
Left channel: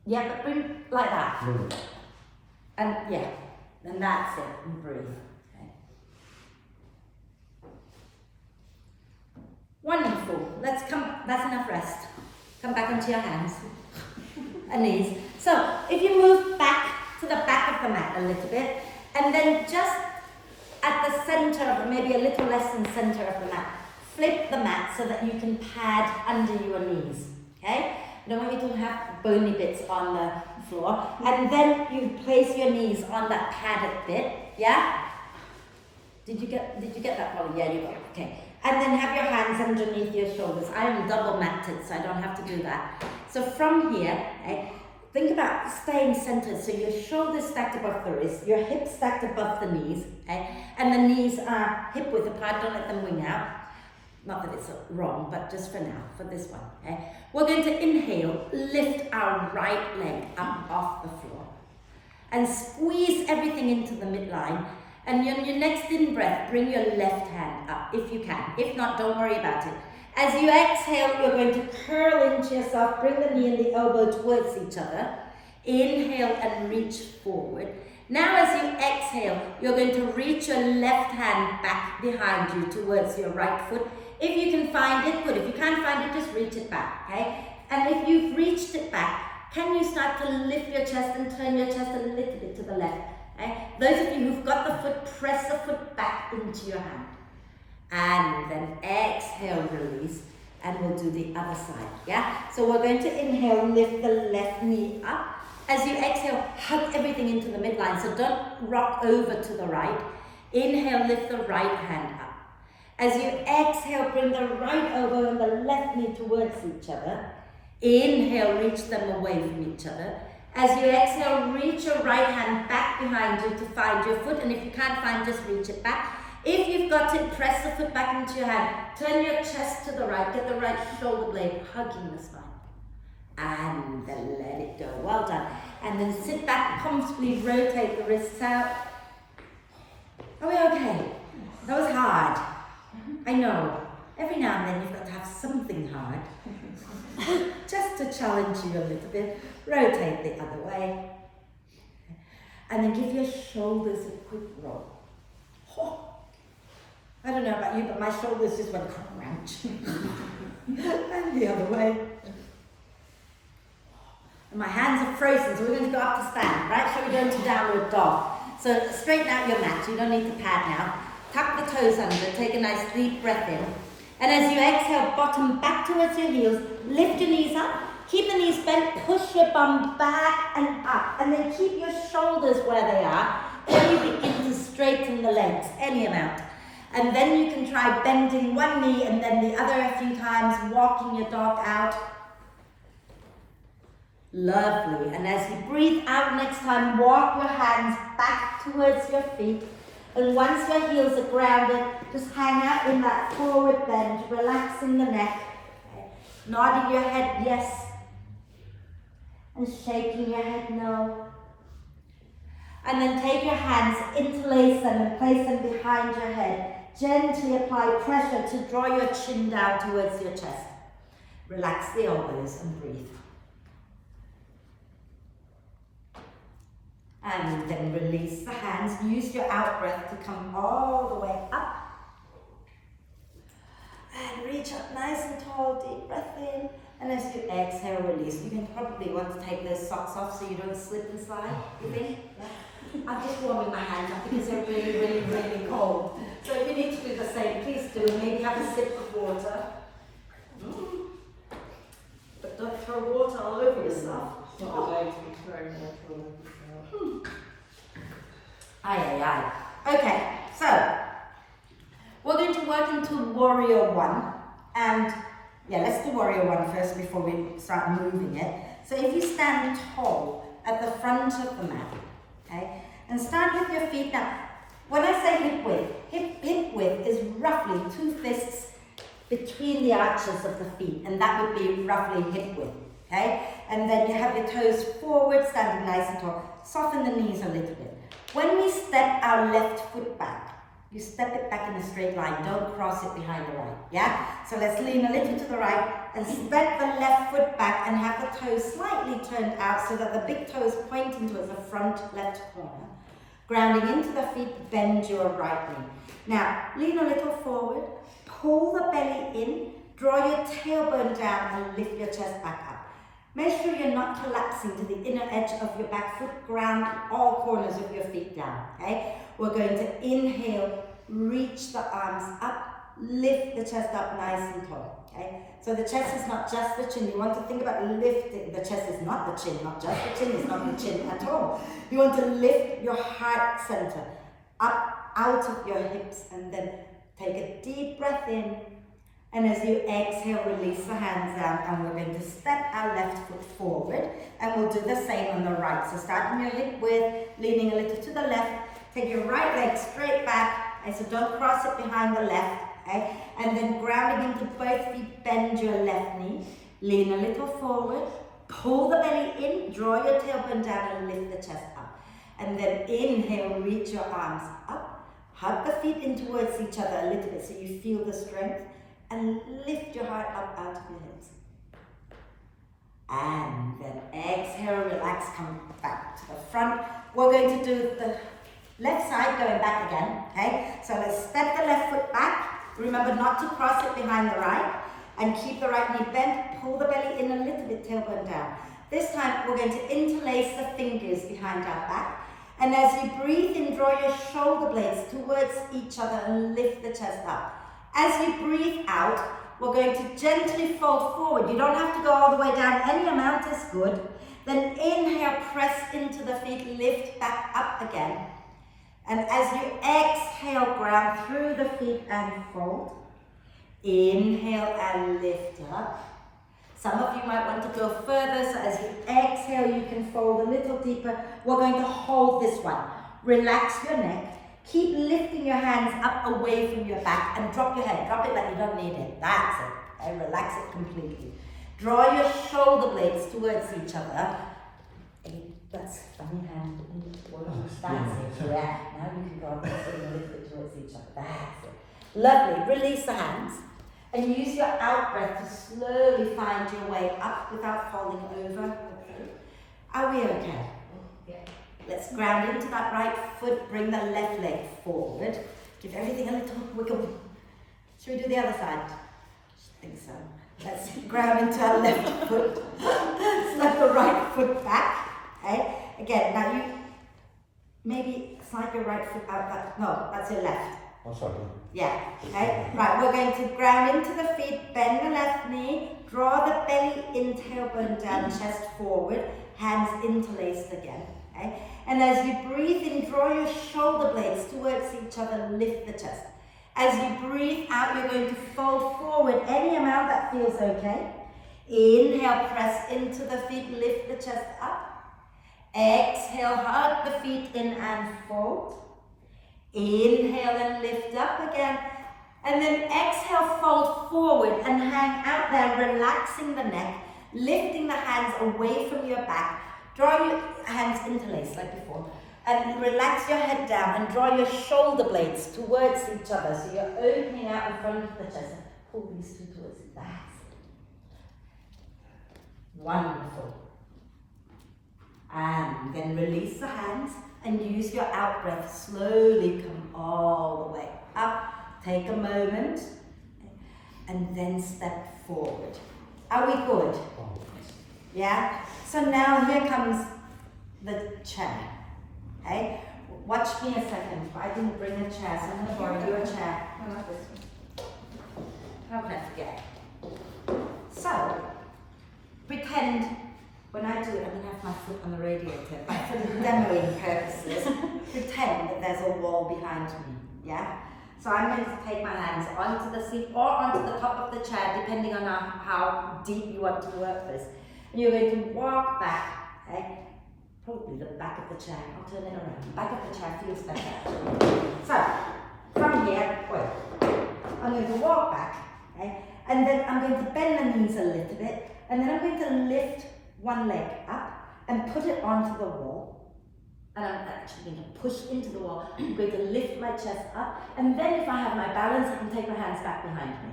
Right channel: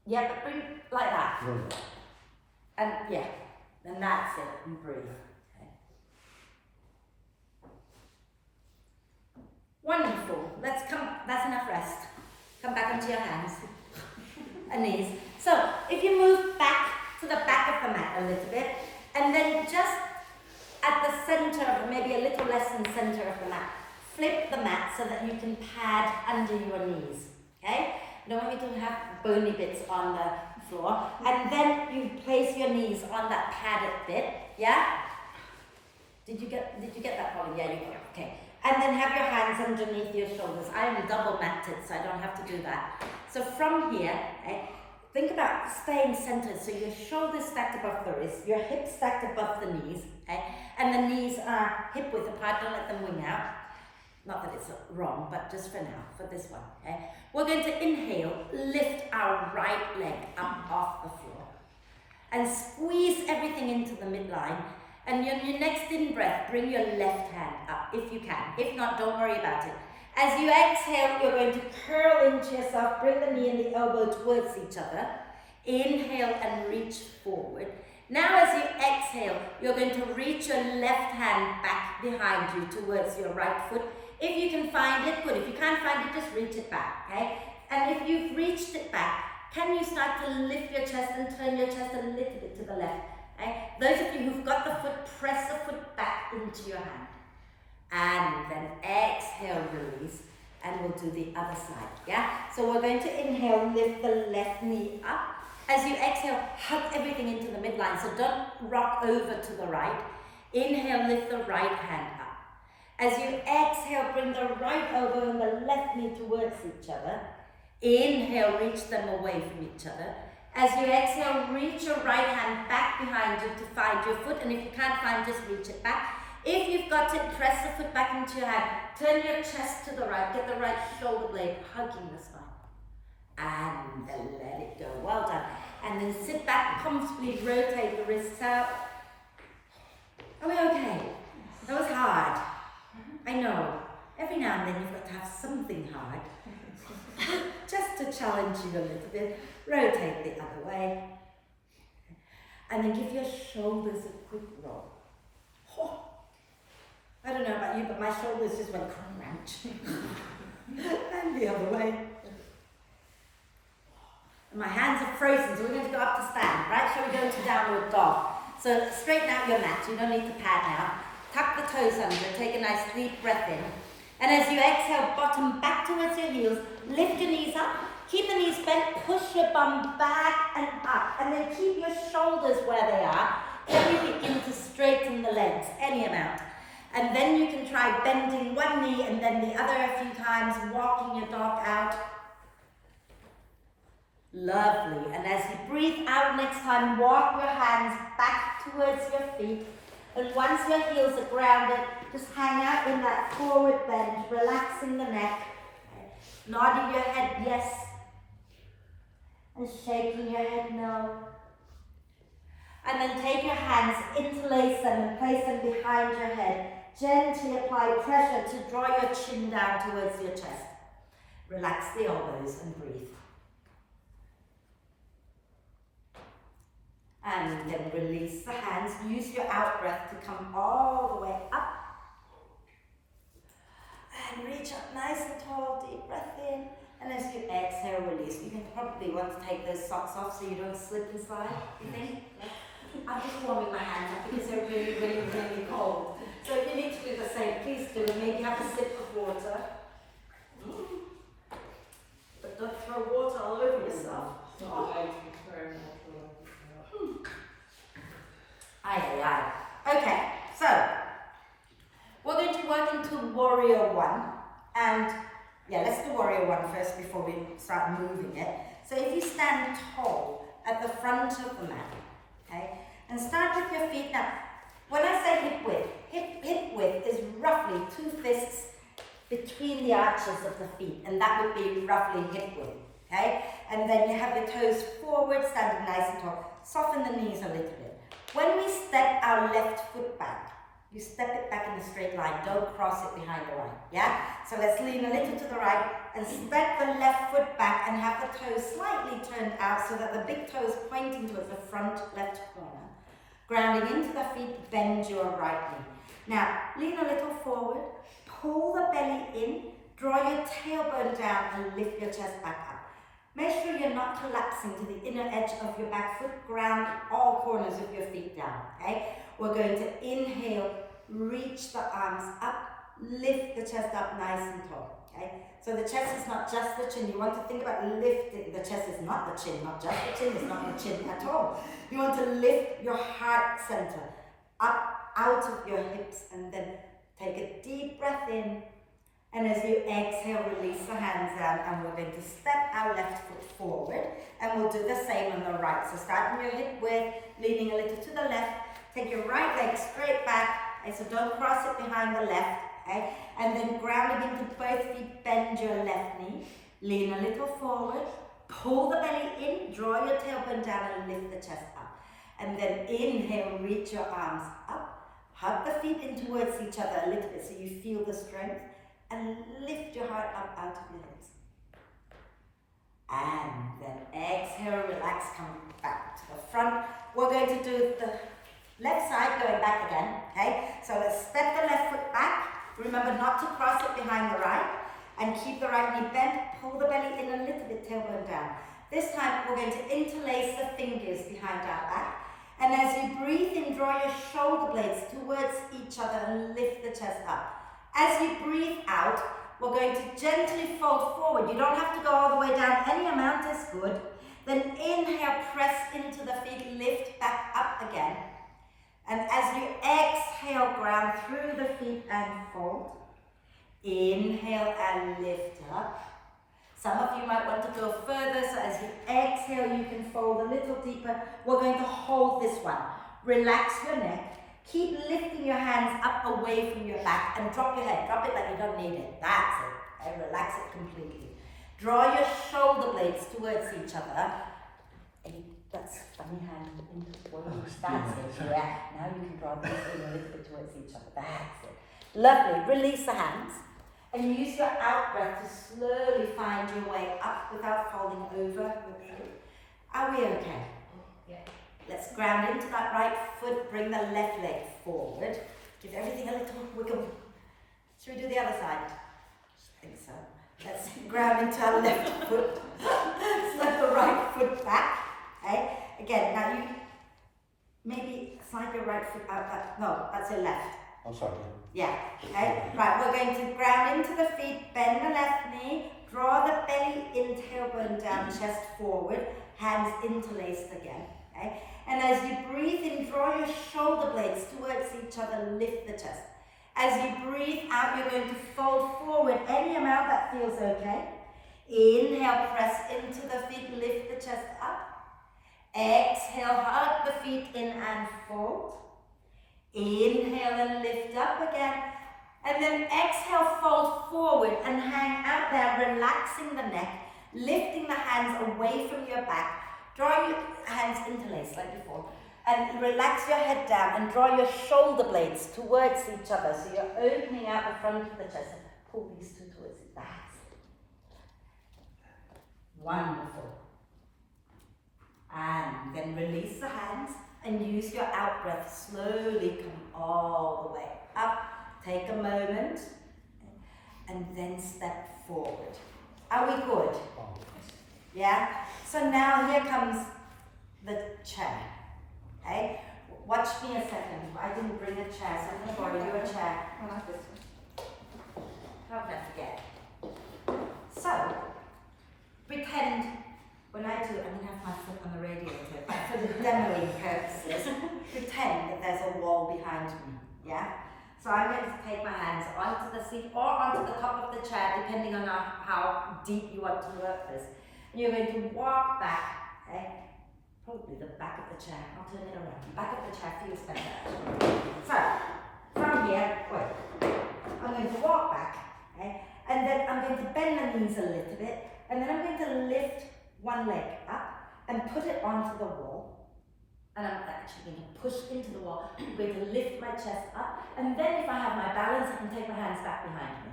Yeah, but bring like that. And yeah, and that's it, and breathe. Okay. Wonderful. Let's come, that's enough rest. Come back onto your hands and knees. So if you move back to the back of the mat a little bit, and then just at the center of, maybe a little less than center of the mat, flip the mat so that you can pad under your knees. Okay? I don't want you to have bony bits on the floor. And then you place your knees on that padded bit. Yeah? Did you get that, Polly? Yeah, you got it. Okay. And then have your hands underneath your shoulders. I am double matted, so I don't have to do that. So from here, think about staying centered. So your shoulders stacked above the wrist, your hips stacked above the knees, and the knees are hip width apart. Don't let them wing out. Not that it's wrong, but just for now, for this one, okay? We're going to inhale, lift our right leg up off the floor and squeeze everything into the midline. And on your next in-breath, bring your left hand up if you can. If not, don't worry about it. As you exhale, you're going to curl into yourself, bring the knee and the elbow towards each other. Inhale and reach forward. Now as you exhale, you're going to reach your left hand back behind you towards your right foot. If you can find it, good. If you can't find it, just reach it back, okay? And if you've reached it back, can you start to lift your chest and turn your chest a little bit to the left? Okay? Those of you who've got the foot, press the foot back into your hand. And then exhale, release, and we'll do the other side, yeah? So we're going to inhale, lift the left knee up. As you exhale, hug everything into the midline, so don't rock over to the right. Inhale, lift the right hand up. As you exhale, bring the right elbow and the left knee towards each other. Inhale, reach them away from each other. As you exhale, reach your right hand back behind you to find your foot, and if you can't find, just reach it back. If you've got it, press the foot back into your hand. Turn your chest to the right, get the right shoulder blade hugging the spine. And then let it go. Well done. And then sit back comfortably, rotate the wrists out. Are we okay? That was hard. I know. Every now and then you've got to have something hard. Just to challenge you a little bit. Rotate the other way. And then give your shoulders a quick roll. Oh. I don't know about you, but my shoulders just went crunch. And the other way. And my hands are frozen, so we're going to go up to stand, right? Shall we go into downward dog? So straighten out your mat, you don't need to pad now. Tuck the toes under, take a nice deep breath in. And as you exhale, bottom back towards your heels, lift your knees up, keep the knees bent, push your bum back and up, and then keep your shoulders where they are. Then you begin to straighten the legs, any amount. And then you can try bending one knee and then the other a few times, walking your dog out. Lovely. And as you breathe out next time, walk your hands back towards your feet. And once your heels are grounded, just hang out in that forward bend, relaxing the neck. Okay. Nodding your head yes. And shaking your head no. And then take your hands, interlace them and place them behind your head. Gently apply pressure to draw your chin down towards your chest. Relax the elbows and breathe. And then release the hands. Use your out breath to come all the way up. And reach up nice and tall, deep breath in. And as you exhale, release. You can probably want to take those socks off so you don't slip and slide, you think? Yeah. I'm just warming my hands up because they're really, really, really cold. So if you need to do the same, please do. And maybe have a sip of water. But don't throw water all over yourself. Aye. Okay, so we're going to work into warrior one, and let's do warrior one first before we start moving it. So if you stand tall at the front of the mat, okay, and start with your feet. Now, when I say hip width is roughly 2 fists between the arches of the feet, and that would be roughly hip width, okay? And then you have your toes forward, standing nice and tall. Soften the knees a little bit. When we step our left foot back, you step it back in a straight line. Don't cross it behind the right, yeah? So let's lean a little to the right and step the left foot back and have the toes slightly turned out so that the big toe is pointing towards the front left corner. Grounding into the feet, bend your right knee. Now, lean a little forward, pull the belly in, draw your tailbone down and lift your chest back up. Make sure you're not collapsing to the inner edge of your back foot. Ground all corners of your feet down, okay? We're going to inhale, reach the arms up, lift the chest up nice and tall, okay? So the chest is not just the chin. You want to think about lifting. The chest is not the chin, not just the chin, it's not the chin at all. You want to lift your heart center up out of your hips and then take a deep breath in. And as you exhale, release the hands down, and we're going to step our left foot forward, and we'll do the same on the right. So start in your hip width, leaning a little to the left. Take your right leg straight back, and so don't cross it behind the left, okay? And then grounding into both feet, bend your left knee, lean a little forward, pull the belly in, draw your tailbone down and lift the chest up. And then inhale, reach your arms up, hug the feet in towards each other a little bit so you feel the strength, and lift your heart up out of your hips. And then exhale, relax, come back to the front. We're going to do the left side going back again, okay? So let's step the left foot back. Remember not to cross it behind the right. And keep the right knee bent, pull the belly in a little bit, tailbone down. This time we're going to interlace the fingers behind our back. And as you breathe in, draw your shoulder blades towards each other and lift the chest up. As you breathe out, we're going to gently fold forward. You don't have to go all the way down. Any amount is good. Then inhale, press into the feet, lift back up again. And as you exhale, ground through the feet and fold. Inhale and lift up. Some of you might want to go further, so as you exhale, you can fold a little deeper. We're going to hold this one. Relax your neck. Keep lifting your hands up away from your back and drop your head. Drop it like you don't need it. That's it. And relax it completely. Draw your shoulder blades towards each other. That's funny hand. That's it. Yeah. Now you can go this way a little bit towards each other. That's it. Lovely. Release the hands. And use your out breath to slowly find your way up without falling over. Are we okay? Yeah. Let's ground into that right foot, bring the left leg forward. Give everything a little wiggle. Should we do the other side? I think so. Let's ground into our left foot. Slide the right foot back. Okay? Again, now you maybe slide your right foot out. No, that's your left. Oh, sorry. Yeah, okay, right, we're going to ground into the feet, bend the left knee, draw the belly in, tailbone down, chest forward, hands interlaced again, okay? And as you breathe in, draw your shoulder blades towards each other, lift the chest. As you breathe out, you're going to fold forward any amount that feels okay. Inhale, press into the feet, lift the chest up. Exhale, hug the feet in and fold. Inhale and lift up again. And then exhale, fold forward and hang out there, relaxing the neck, lifting the hands away from your back. Draw your hands interlaced like before. And relax your head down and draw your shoulder blades towards each other. So you're opening out in front of the chest. Pull these two towards it. That's it. Wonderful. And then release the hands. And use your out breath, slowly come all the way up. Take a moment and then step forward. Are we good? Yeah? So now here comes the chair. Okay? Watch me a second. I didn't bring a chair, so I'm going to borrow you a chair. How can I forget? So, pretend when I do it, I'm going to have my foot on the radiator, but for the demoing purposes, pretend that there's a wall behind me, yeah? So I'm going to take my hands onto the seat or onto the top of the chair, depending on how deep you want to work this. And you're going to walk back, okay? Probably the back of the chair. I'll turn it around. The back of the chair feels better. So, from here, I'm going to walk back, okay? And then I'm going to bend the knees a little bit, and then I'm going to lift one leg up and put it onto the wall. And I'm actually going to push into the wall. I'm going to lift my chest up. And then if I have my balance, I can take my hands back behind me.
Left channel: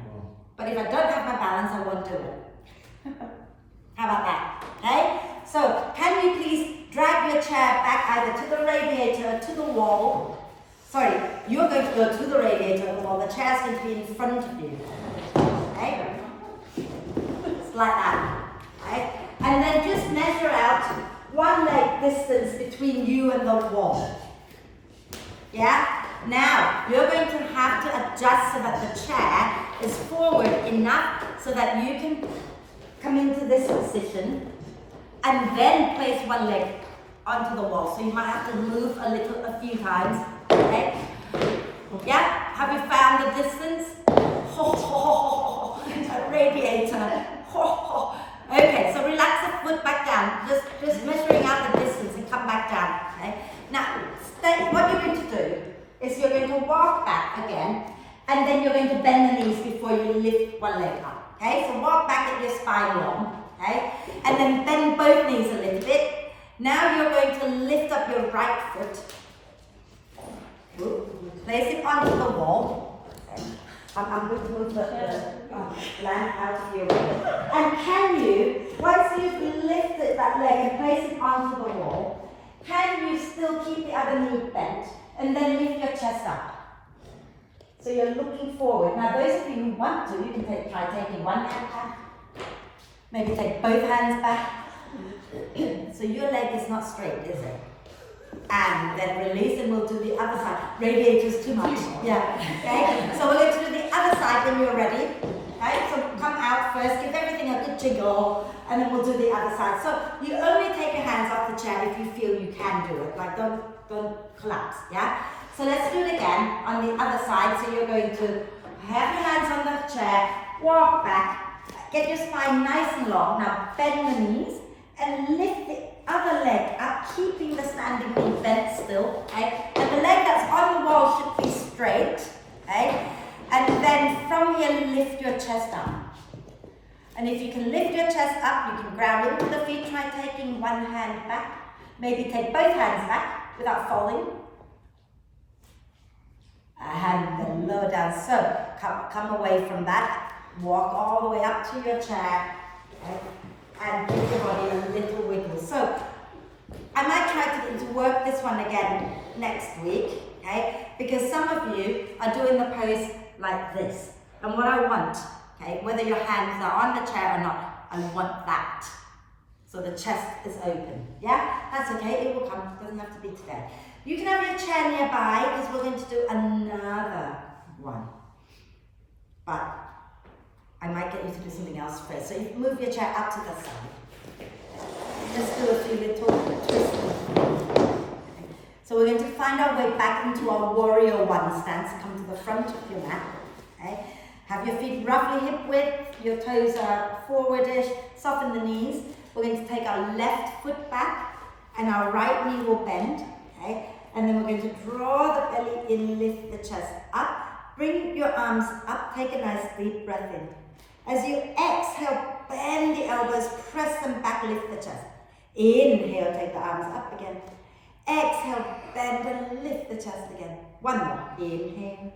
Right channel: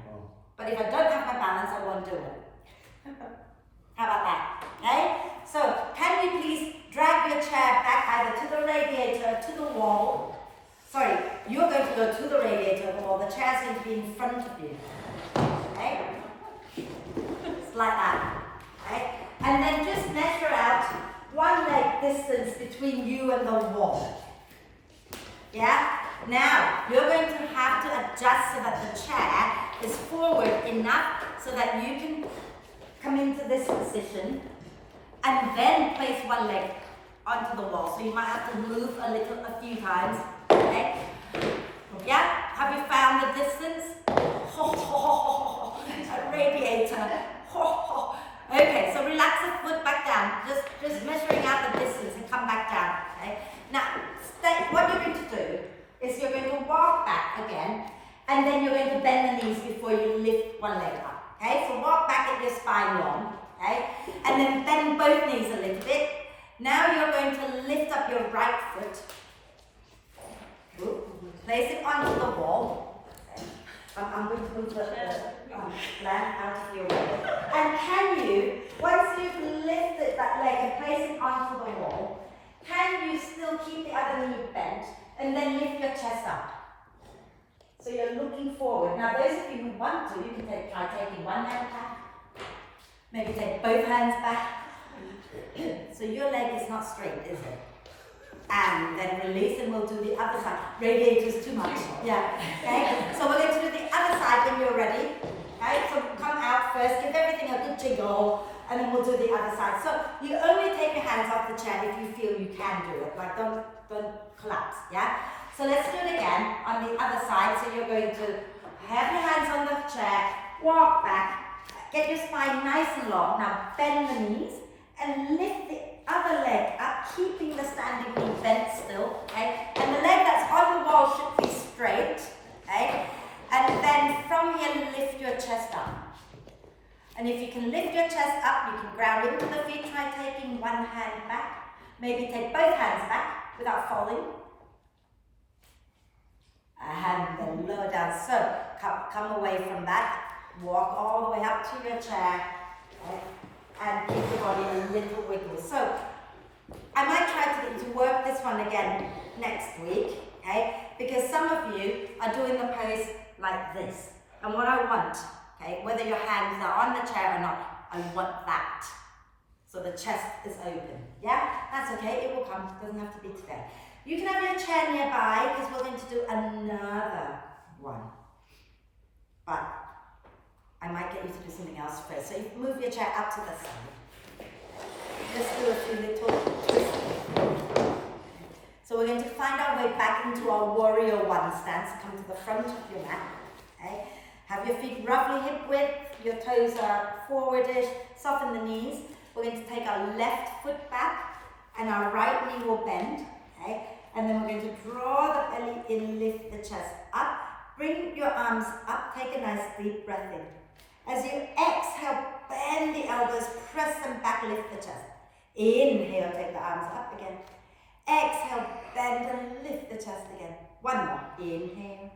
But if I don't have my balance, I won't do it. How about that? Okay? So, can you please drag your chair back either to the radiator or to the wall? Sorry, you're going to go to the radiator or the wall. The chair's going to be in front of you. Okay? It's like that. Okay? And then just measure out one leg distance between you and the wall. Yeah? Now, you're going to have to adjust so that the chair is forward enough so that you can come into this position and then place one leg onto the wall. So you might have to move a few times. Okay? Yeah? Have you found the distance? A radiator. Okay, so relax the foot back down. Just measuring out the distance and come back down. Okay? Now, what you're going to do is you're going to walk back again, and then you're going to bend the knees before you lift one leg up. Okay, so walk back at your spine long. Okay, and then bend both knees a little bit. Now you're going to lift up your right foot. Place it onto the wall. I'm going to move the lamp out of your way. And can you, once you've lifted that leg and place it onto the wall, can you still keep the other knee bent and then lift your chest up? So you're looking forward. Now those of you who want to, you can try taking one hand back. Maybe take both hands back. So your leg is not straight, is it? And then release, and we'll do the other side. Radiators too much. Yeah. Okay. So we're going to do the other side when you're ready. Okay. So come out first, give everything a good jiggle, and then we'll do the other side. So you only take your hands off the chair if you feel you can do it. Like don't collapse. Yeah. So let's do it again on the other side. So you're going to have your hands on the chair, walk back, get your spine nice and long. Now bend the knees and lift the other leg up, keeping the standing knee bent still, okay? And the leg that's on the wall should be straight, okay? And then from here, lift your chest up. And if you can lift your chest up, you can ground into the feet. Try taking one hand back. Maybe take both hands back without falling. And then lower down. So come away from that. Walk all the way up to your chair. Okay? And give your body a little wiggle. So I might try to get you to work this one again next week, okay? Because some of you are doing the pose like this. And what I want, okay, whether your hands are on the chair or not, I want that. So the chest is open, yeah? That's okay, it will come, it doesn't have to be today. You can have your chair nearby because we're going to do another one. But I might get you to do something else first. So you move your chair up to the side. Just do a few little twists. So we're going to find our way back into our warrior one stance. Come to the front of your mat. Okay. Have your feet roughly hip width. Your toes are forwardish. Soften the knees. We're going to take our left foot back and our right knee will bend. Okay. And then we're going to draw the belly in, lift the chest up. Bring your arms up. Take a nice deep breath in. As you exhale, bend the elbows, press them back, lift the chest. Inhale, take the arms up again. Exhale, bend and lift the chest again. One more. Inhale.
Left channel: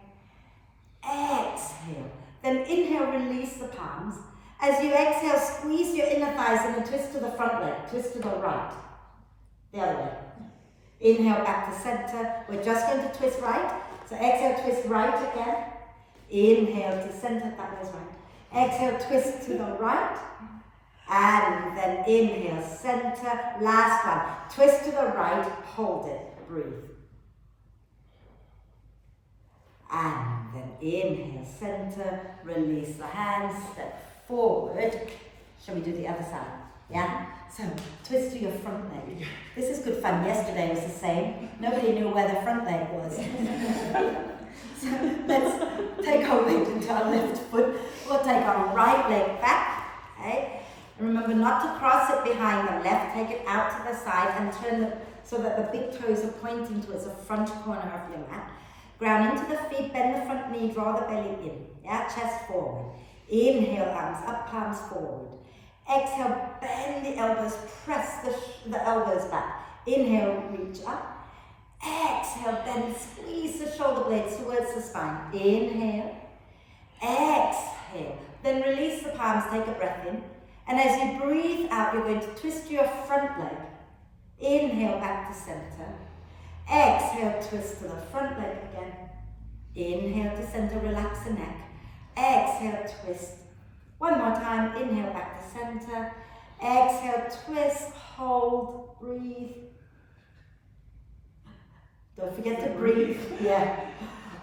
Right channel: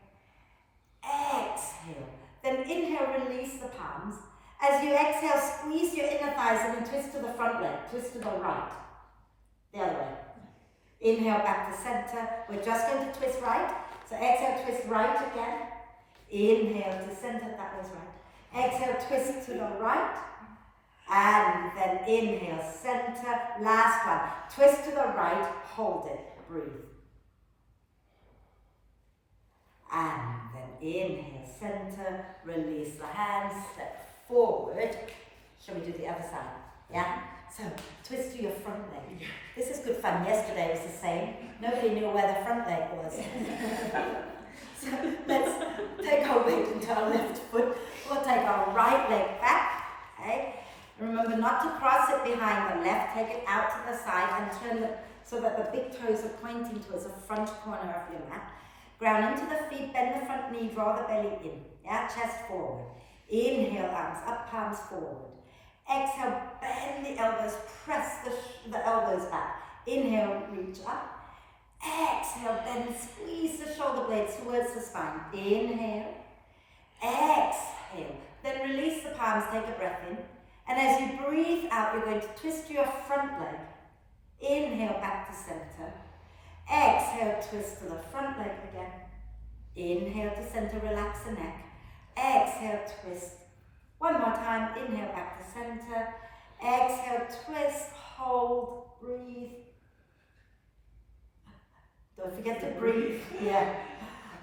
Exhale. Then inhale, release the palms. As you exhale, squeeze your inner thighs in and twist to the front leg. Twist to the right. The other way. Inhale, back to center. We're just going to twist right. So exhale, twist right again. Inhale to center, that was right. Exhale, twist to the right. And then inhale, center. Last one. Twist to the right, hold it, breathe. And then inhale, center, release the hands, step forward. Shall we do the other side? Yeah? So, twist to your front leg. This is good fun. Yesterday was the same. Nobody knew where the front leg was. So, let's take our weight into our left foot. We'll take our right leg back. Okay? And remember not to cross it behind the left. Take it out to the side and turn so that the big toes are pointing towards the front corner of your mat. Ground into the feet, bend the front knee, draw the belly in. Yeah, chest forward. Inhale, arms up, palms forward. Exhale, bend the elbows, press the elbows back. Inhale, reach up. Exhale, bend, squeeze the shoulder blades towards the spine. Inhale. Exhale. Then release the palms, take a breath in. And as you breathe out, you're going to twist your front leg. Inhale, back to center. Exhale, twist to the front leg again. Inhale to center, relax the neck. Exhale, twist. One more time, inhale, back to center. Exhale, twist, hold, breathe. Don't forget to breathe, yeah.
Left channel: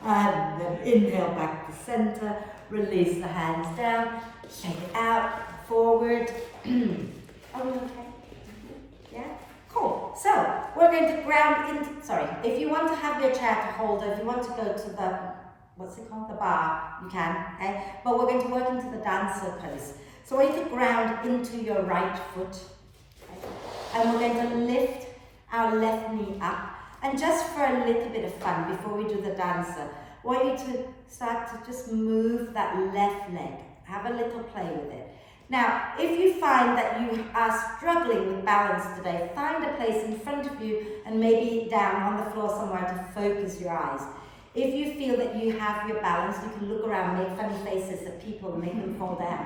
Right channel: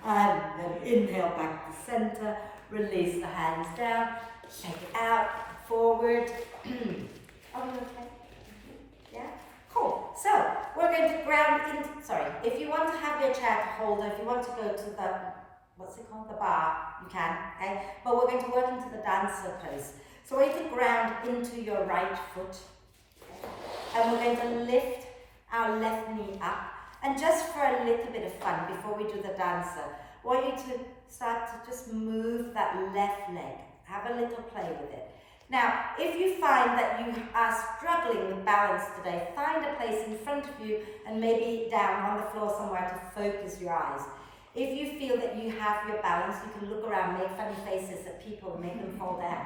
And then inhale, back to center. Release the hands down, shake it out, forward. Are we okay? Yeah? Cool. So, we're going to ground into, if you want to have your chair to hold, or if you want to go to the, what's it called? The bar, you can, okay? But we're going to work into the dancer pose. So we're going to ground into your right foot, okay? And we're going to lift our left knee up. And just for a little bit of fun, before we do the dancer, I want you to start to just move that left leg. Have a little play with it. Now, if you find that you are struggling with balance today, find a place in front of you and maybe down on the floor somewhere to focus your eyes. If you feel that you have your balance, you can look around, make funny faces at people and make them fall down.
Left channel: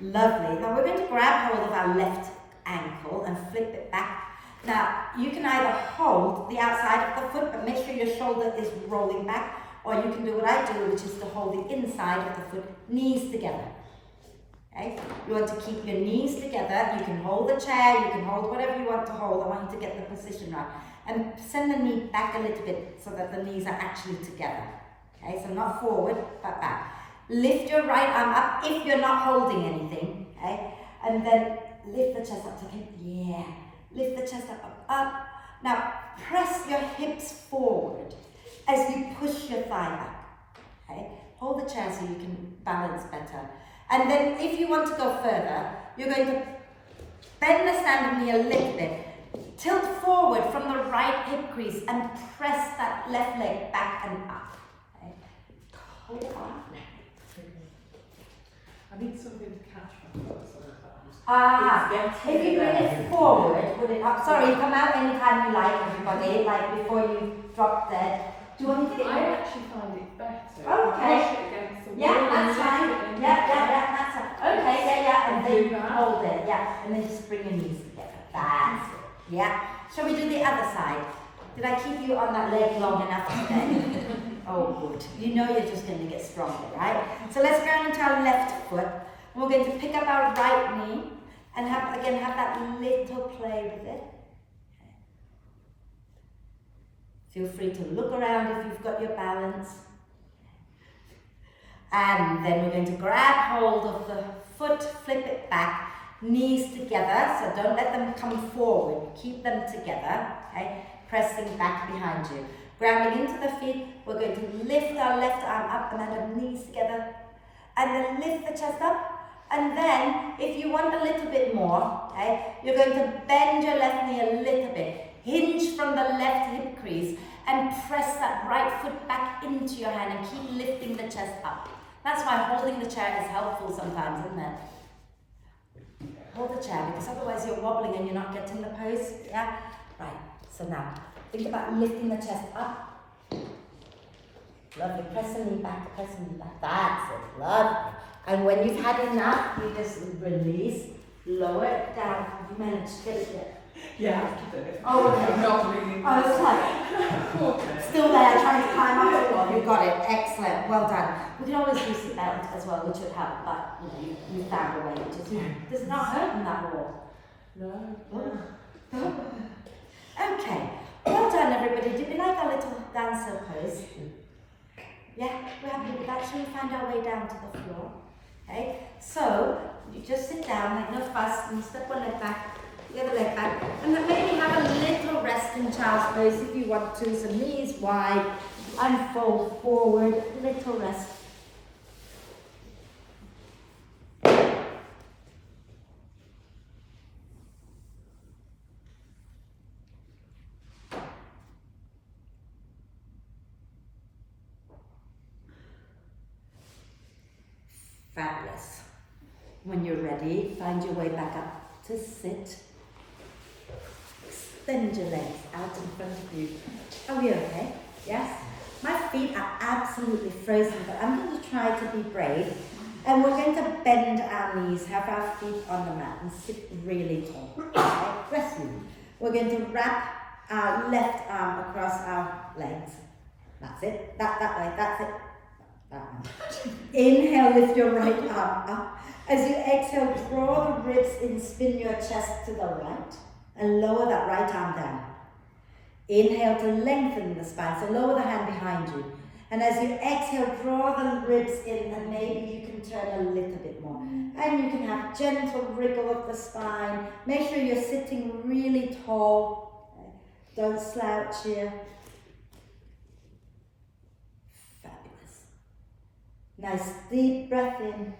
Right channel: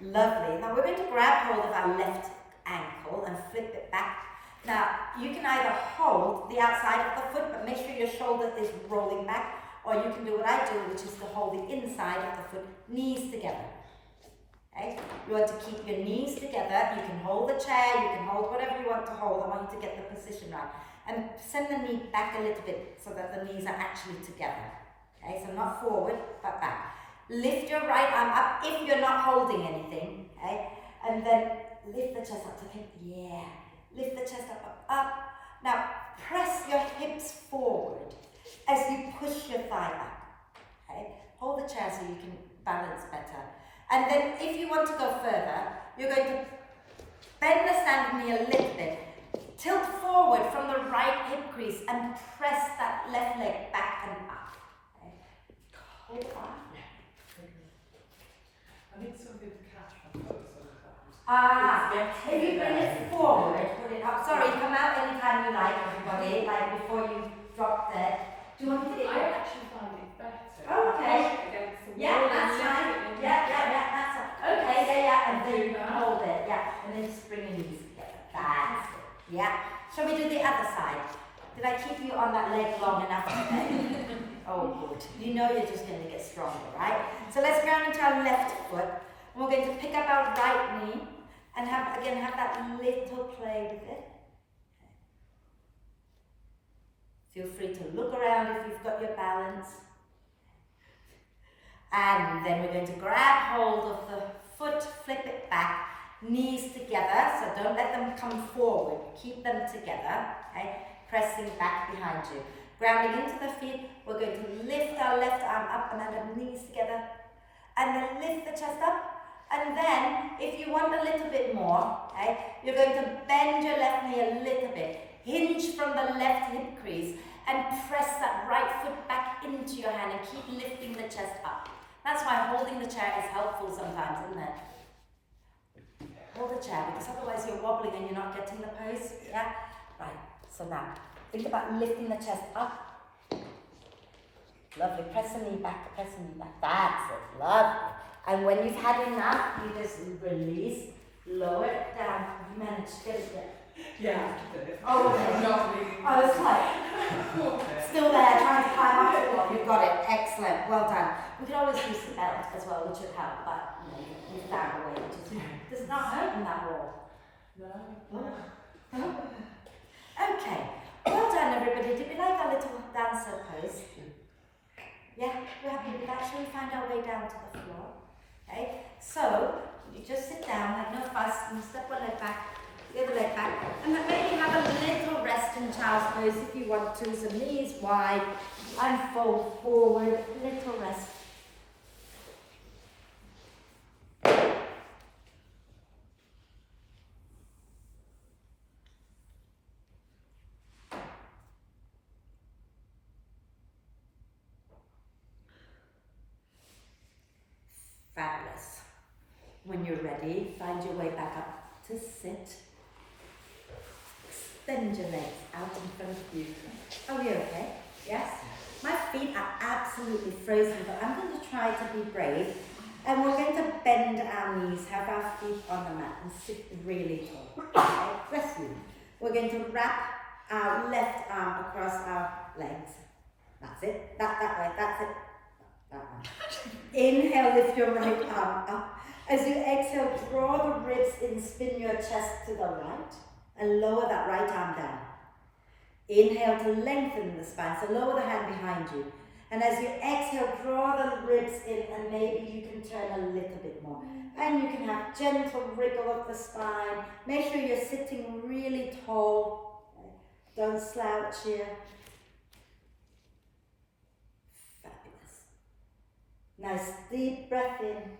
Lovely. Now we're going to grab hold of our left ankle and flip it back. Now, you can either hold the outside of the foot, but make sure your shoulder is rolling back, or you can do what I do, which is to hold the inside of the foot, knees together. Okay? You want to keep your knees together. You can hold the chair, you can hold whatever you want to hold. I want you to get the position right. And send the knee back a little bit so that the knees are actually together. Okay, so not forward, but back. Lift your right arm up if you're not holding anything. Okay? And then lift the chest up. Okay? Yeah. Lift the chest up. Now, press your hips forward as you push your thigh back. Okay? Hold the chair so you can balance better. And then if you want to go further, you're going to bend the standing knee a little bit, tilt forward from the right hip crease and press that left leg back and up. Okay? Hold it on. I need something to catch my foot. If you bring it forward, put it up. Sorry, come out anytime you like, everybody, like before you drop dead. Do you want me to get I actually find it better. Oh, okay. Push it against the Yeah, wall that's and fine. lift it Yeah, that's it. Okay, and then Do that. hold it, and then just bring your knees together. That's it. Yeah. Shall we do the other side? Did I keep you on that leg long enough today? Oh, good. You know you're just going to get stronger, right? So let's ground into our left foot. And we're going to pick up our right knee and have that little play with it. Feel free to look around if you've got your balance. And then we're going to grab hold of the foot, flip it back, knees together, so don't let them come forward, keep them together, okay? Pressing back behind you. Grounding into the feet, we're going to lift our left arm up and our knees together, and then lift the chest up. And then, if you want a little bit more, okay, you're going to bend your left knee a little bit, hinge from the left hip crease, and press that right foot back into your hand and keep lifting the chest up. That's why holding the chair is helpful sometimes, isn't it? Hold the chair, because otherwise you're wobbling and you're not getting the pose, yeah? Right, so now, think about lifting the chest up. Lovely, press the knee back, That's it, lovely. And when you've had enough, you just release, lower it down. Have you managed to get it yet? Yeah, I did it. Oh, okay. I'm not really. I was like, still there, trying to climb up. You got it, excellent, well done. We could always use the belt as well, which would help, but you found a way, which is does not hurt in that wall. No. Okay, well done everybody. Did we like our little dancer pose? Yeah, we're happy with that. Shall we find our way down to the floor? Okay, so you just sit down, like no fuss, and step one leg back, the other leg back, and then maybe have a little rest in child's pose if you want to. So knees wide, and fold forward, little rest. Fabulous. When you're ready, find your way back up to sit. Extend your legs out in front of you. Are we okay? Yes? My feet are absolutely frozen, but I'm going to try to be brave. And we're going to bend our knees, have our feet on the mat, and sit really tall. Okay? Bless you. We're going to wrap our left arm across our legs. That's it. That way. That's it. That one. Inhale, lift your right arm up. As you exhale, draw the ribs in, spin your chest to the right, and lower that right arm down. Inhale to lengthen the spine, so lower the hand behind you. And as you exhale, draw the ribs in, and maybe you can turn a little bit more. And you can have gentle wriggle of the spine. Make sure you're sitting really tall. Don't slouch here. Fabulous. Nice deep breath in.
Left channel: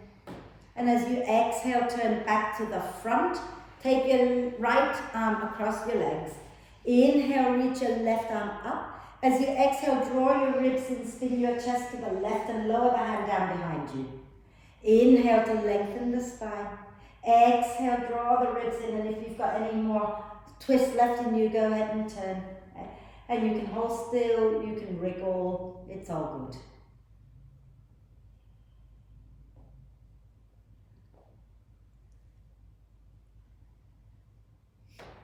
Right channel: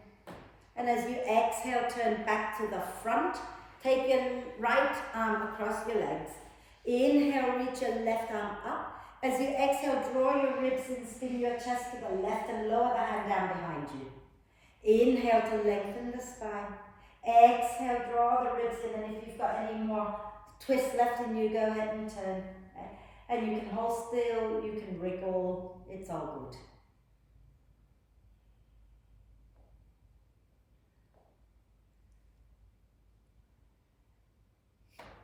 And as you exhale, turn back to the front. Take your right arm across your legs. Inhale, reach your left arm up. As you exhale, draw your ribs in, spin your chest to the left and lower the hand down behind you. Inhale to lengthen the spine. Exhale, draw the ribs in, and if you've got any more twist left in you, go ahead and turn. And you can hold still, you can wriggle, it's all good.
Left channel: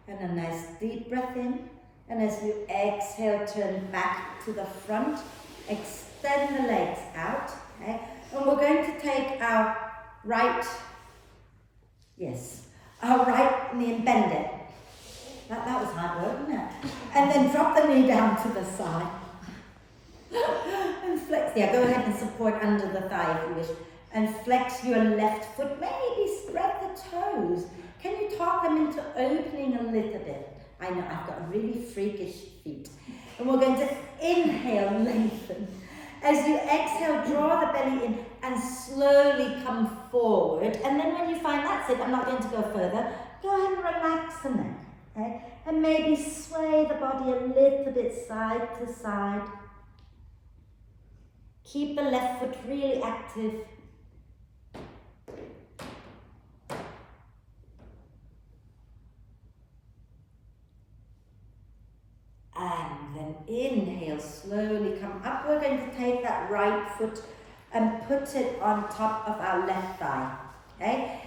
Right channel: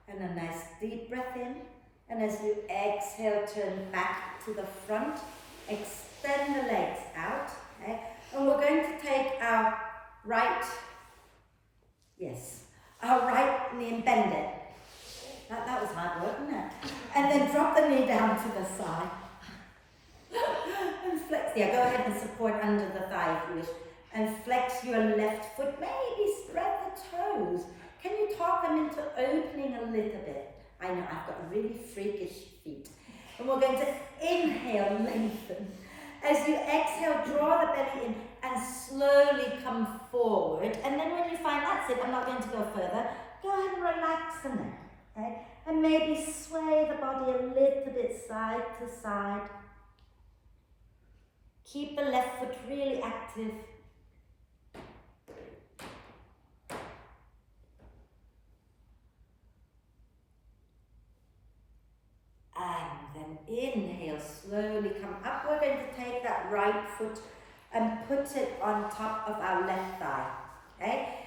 And a nice deep breath in. And as you exhale, turn back to the front. Extend the legs out. Okay? And we're going to take our right knee and bend it. That was hard work, wasn't it? And then drop the knee down to the side. And flex. Yeah, go ahead and support under the thigh if you wish. And flex your left foot. Maybe spread the toes. Can you talk them into opening a little bit? I know, I've got really freakish feet. And we're going to inhale, lengthen. As you exhale, draw the belly in and slowly come forward. And then when you find that's it, I'm not going to go further, go ahead and relax the neck. Okay? And maybe sway the body a little bit side to side. Keep the left foot really active. And then inhale, slowly come up. We're going to take that right foot and put it on top of our left thigh. Okay?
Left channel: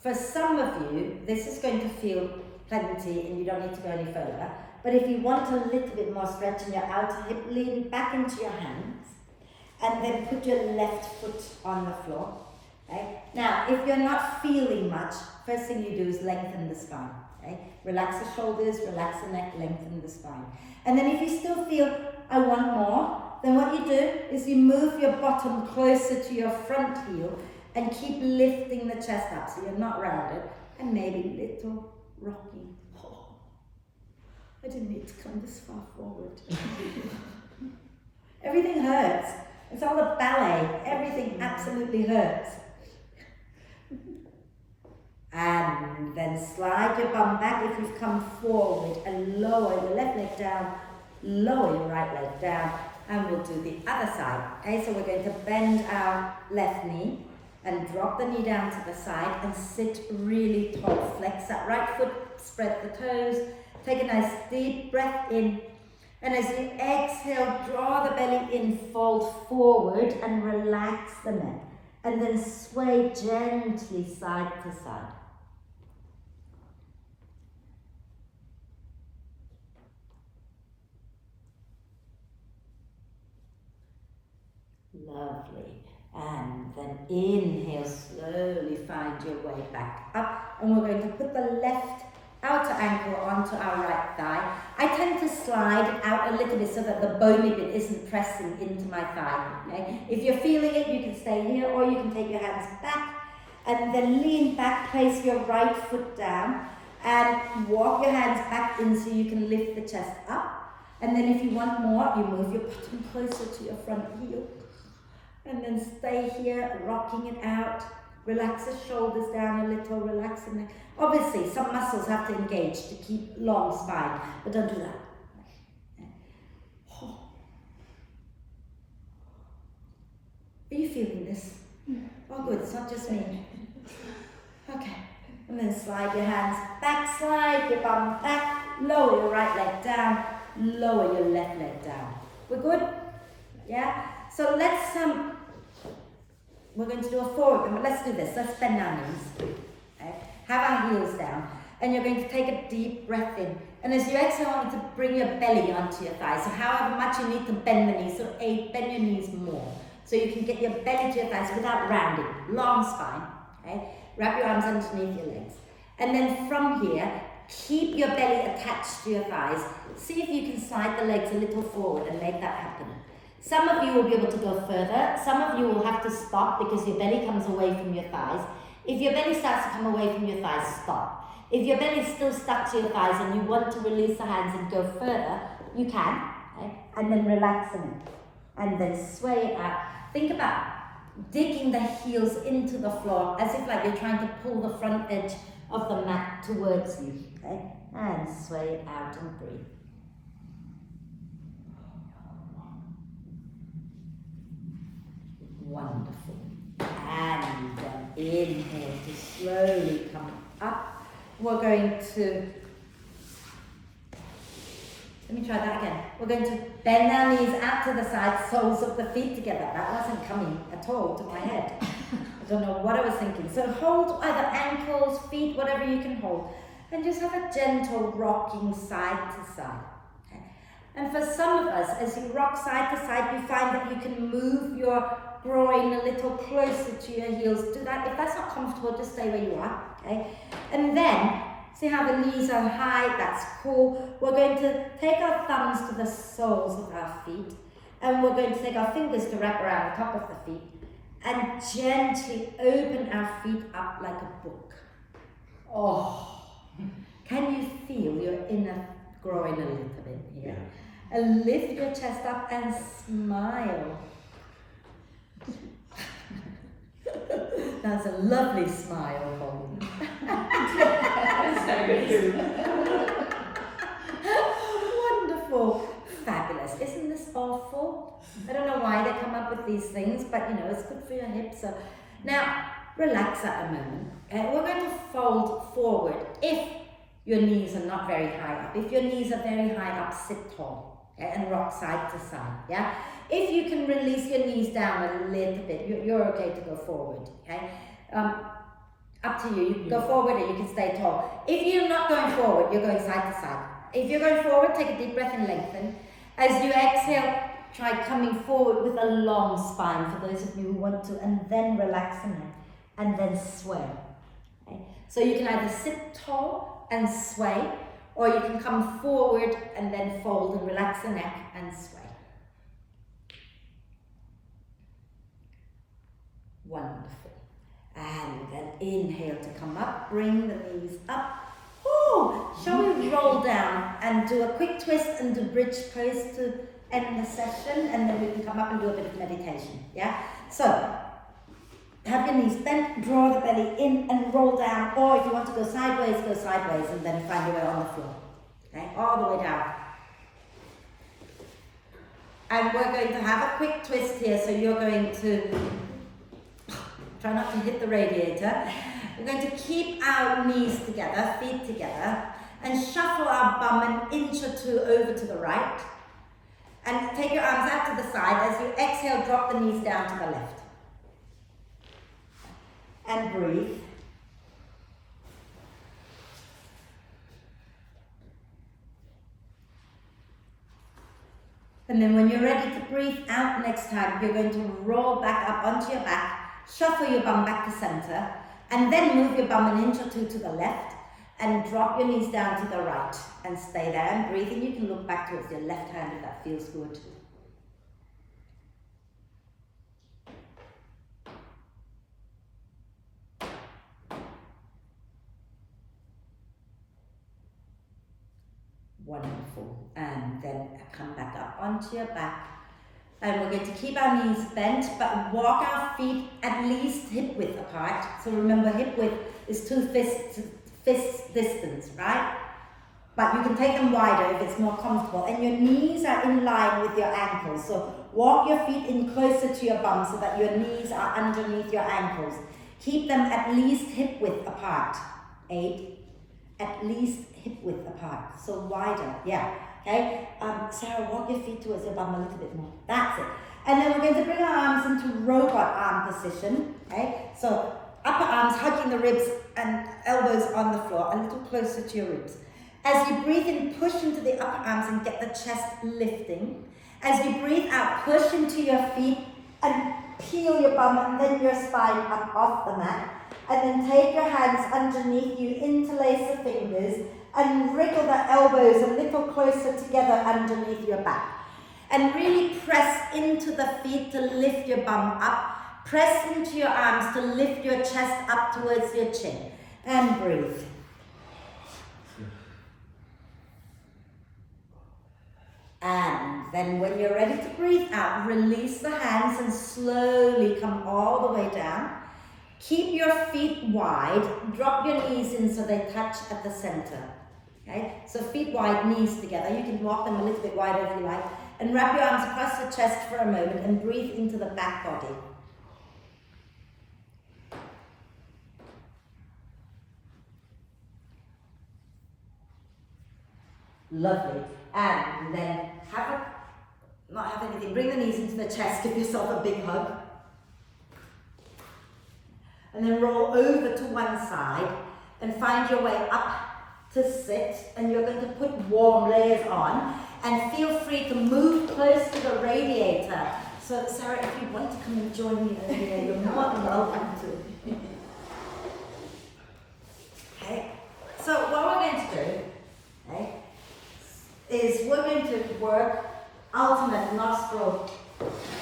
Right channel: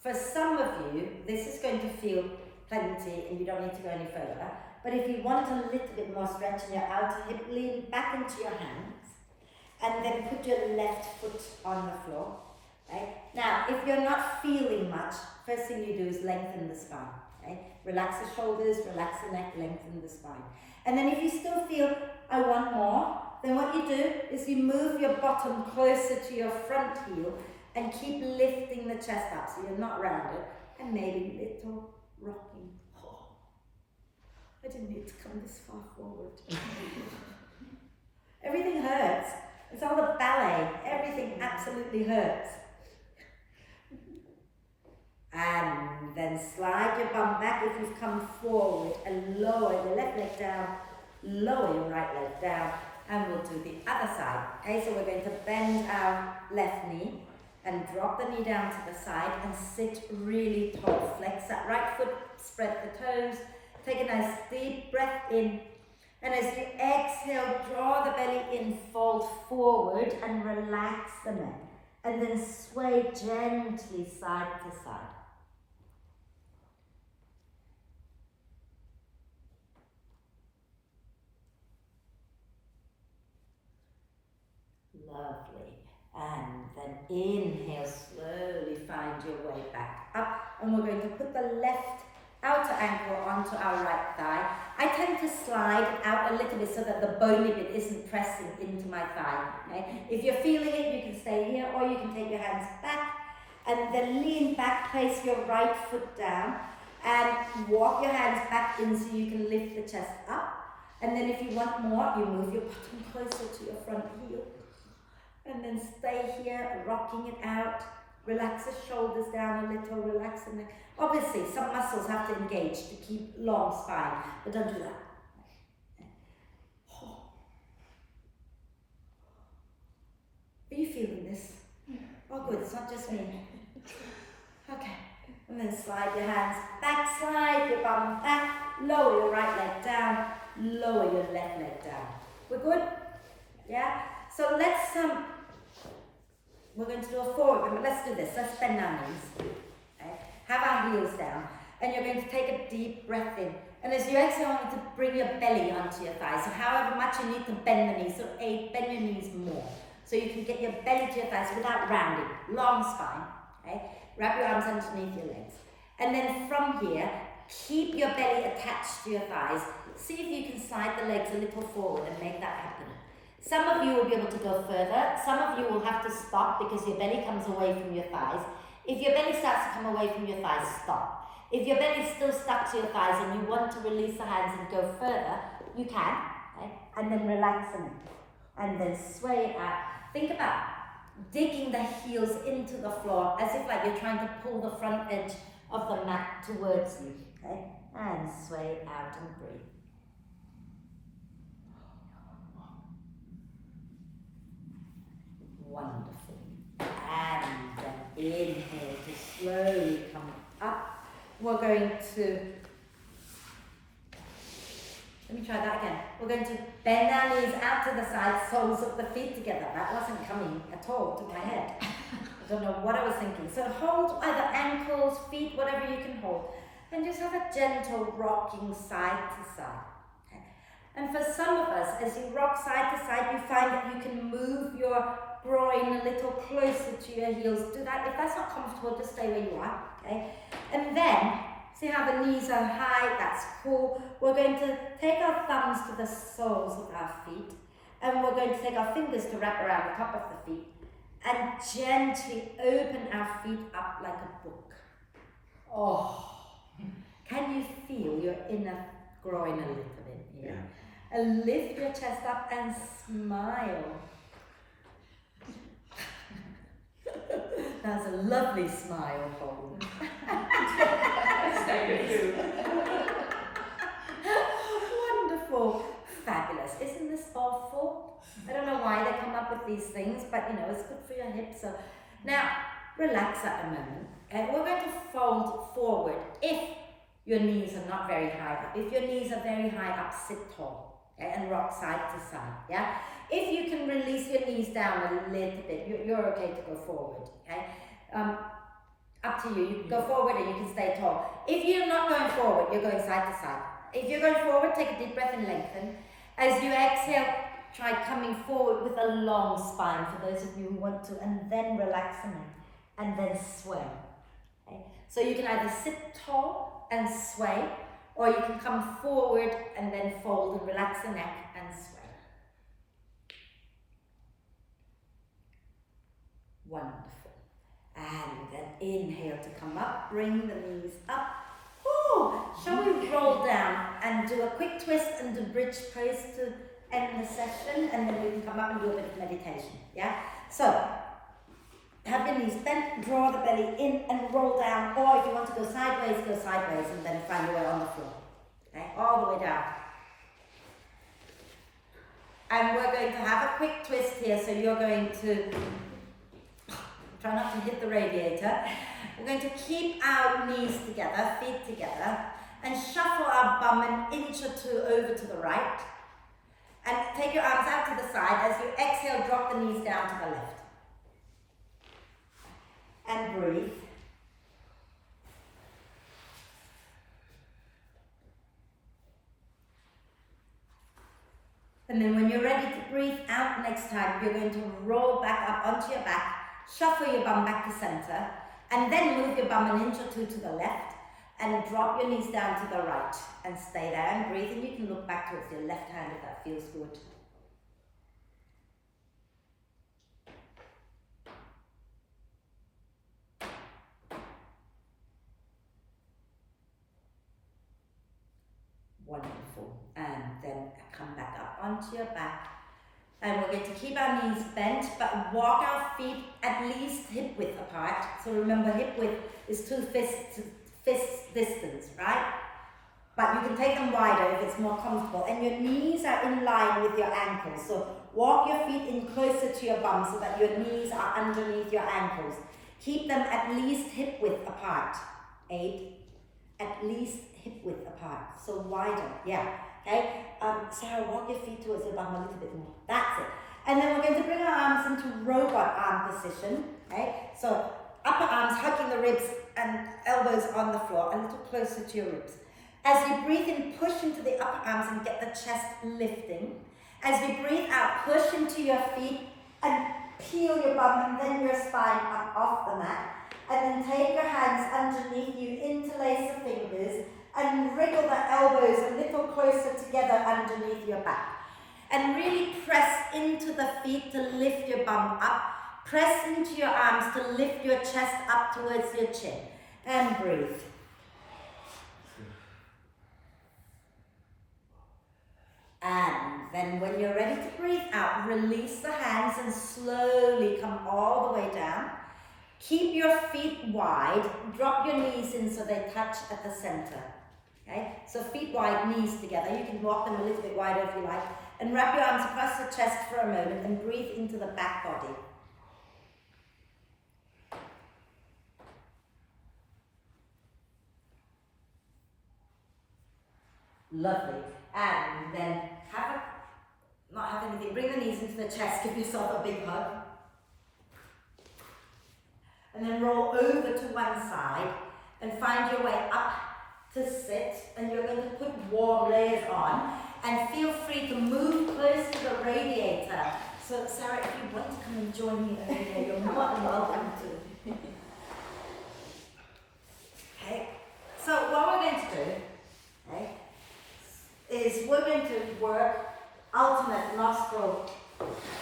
For some of you, this is going to feel plenty and you don't need to go any further. But if you want a little bit more stretch in your outer hip, lean back into your hands and then put your left foot on the floor. Okay? Now, if you're not feeling much, first thing you do is lengthen the spine. Okay? Relax the shoulders, relax the neck, lengthen the spine. And then if you still feel, I want more, then what you do is you move your bottom closer to your front heel and keep lifting the chest up so you're not rounded, and maybe little rocking. Oh, I didn't need to come this far forward. Everything hurts. It's all the ballet. Everything absolutely hurts. And then slide your bum back if you've come forward and lower your left leg down, lower your right leg down, and we'll do the other side. Okay, so we're going to bend our left knee and drop the knee down to the side and sit really tall. Flex that right foot, spread the toes, take a nice deep breath in, and as you exhale, draw the belly in, fold forward and relax the neck, and then sway gently side to side. Lovely. And then inhale, slowly find your way back up. And we're going to put the left outer ankle onto our right thigh. I tend to slide out a little bit so that the bony bit isn't pressing into my thigh. Okay? If you're feeling it, you can stay here, or you can take your hands back and then lean back, place your right foot down and walk your hands back in so you can lift the chest up. And then if you want more, you move your bottom closer to your front heel. And then stay here, rocking it out. Relax the shoulders down a little, relax the neck. Obviously, some muscles have to engage to keep long spine, but don't do that. Are you feeling this? Oh good, it's not just me. Okay, and then slide your hands back, slide your bum back, lower your right leg down, lower your left leg down. We're good? Yeah? So let's, we're going to do a forward, but let's do this. Let's bend our knees. Okay? Have our heels down. And you're going to take a deep breath in. And as you exhale, I want you to bring your belly onto your thighs. So however much you need to bend the knees, so bend your knees more. So you can get your belly to your thighs without rounding. Long spine. Okay? Wrap your arms underneath your legs. And then from here, keep your belly attached to your thighs. See if you can slide the legs a little forward and make that happen. Some of you will be able to go further. Some of you will have to stop because your belly comes away from your thighs. If your belly starts to come away from your thighs, stop. If your belly is still stuck to your thighs and you want to release the hands and go further, you can. Okay? And then relax the neck. And then sway it out. Think about digging the heels into the floor as if like you're trying to pull the front edge of the mat towards you. Okay? And sway it out and breathe. Wonderful. And then inhale to slowly come up. We're going to, let me try that again. We're going to bend our knees out to the side, soles of the feet together. That wasn't coming at all to my head. I don't know what I was thinking. So hold either ankles, feet, whatever you can hold. And just have a gentle rocking side to side. Okay? And for some of us, as you rock side to side, you find that you can move your groin a little closer to your heels. Do that. If that's not comfortable, just stay where you are. Okay? And then, see how the knees are high? That's cool. We're going to take our thumbs to the soles of our feet, and we're going to take our fingers to wrap around the top of the feet, and gently open our feet up like a book. Oh, can you feel your inner groin a little bit here? Yeah. And lift your chest up and smile. That's a lovely smile, Colin. Wonderful. Fabulous. Isn't this awful? I don't know why they come up with these things, but you know, it's good for your hips. So now, relax at a moment. And we're going to fold forward if your knees are not very high up. If your knees are very high up, sit tall, okay, and rock side to side. Yeah. If you can release your knees down a little bit, you're okay to go forward. Okay. Up to you. You can go forward or you can stay tall. If you're not going forward, you're going side to side. If you're going forward, take a deep breath and lengthen. As you exhale, try coming forward with a long spine for those of you who want to, and then relax the neck, and then sway. Okay? So you can either sit tall and sway, or you can come forward and then fold and relax the neck and sway. Wonderful. And then inhale to come up, bring the knees up. Oh, shall we roll down and do a quick twist and do bridge pose to end the session, and then we can come up and do a bit of meditation, yeah? So, have your knees bent, draw the belly in and roll down, or if you want to go sideways, and then find your way on the floor, okay? All the way down. And we're going to have a quick twist here, so you're going to try not to hit the radiator. We're going to keep our knees together, feet together, and shuffle our bum an inch or two over to the right. And take your arms out to the side. As you exhale, drop the knees down to the left. And breathe. And then when you're ready to breathe out next time, you're going to roll back up onto your back, shuffle your bum back to center, and then move your bum an inch or two to the left, and drop your knees down to the right, and stay there and breathe. And you can look back towards your left hand if that feels good. Wonderful. And then come back up onto your back. And we're going to keep our knees bent, but walk our feet at least hip width apart. So remember, hip width is 2 fists distance, right? But you can take them wider if it's more comfortable. And your knees are in line with your ankles. So walk your feet in closer to your bum so that your knees are underneath your ankles. Keep them at least hip width apart. 8. At least hip width apart. So wider, yeah. Okay, Sarah, walk your feet towards your bum a little bit more. That's it. And then we're going to bring our arms into robot arm position. Okay, so upper arms hugging the ribs and elbows on the floor, a little closer to your ribs. As you breathe in, push into the upper arms and get the chest lifting. As you breathe out, push into your feet and peel your bum and then your spine up off the mat. And then take your hands underneath you, interlace the fingers, and wriggle the elbows a little closer together underneath your back. And really press into the feet to lift your bum up. Press into your arms to lift your chest up towards your chin. And breathe. And then when you're ready to breathe out, release the hands and slowly come all the way down. Keep your feet wide. Drop your knees in so they touch at the center. Okay, so feet wide, knees together. You can walk them a little bit wider if you like. And wrap your arms across the chest for a moment and breathe into the back body. Lovely. And then not have anything, bring the knees into the chest, give yourself a big hug. And then roll over to one side and find your way up to sit, and you're going to put warm layers on, and feel free to move close to the radiator. So Sarah, if you want to come and join me over there, you're more than welcome to. Okay, so what we're going to do, okay, is we're going to work alternate nostril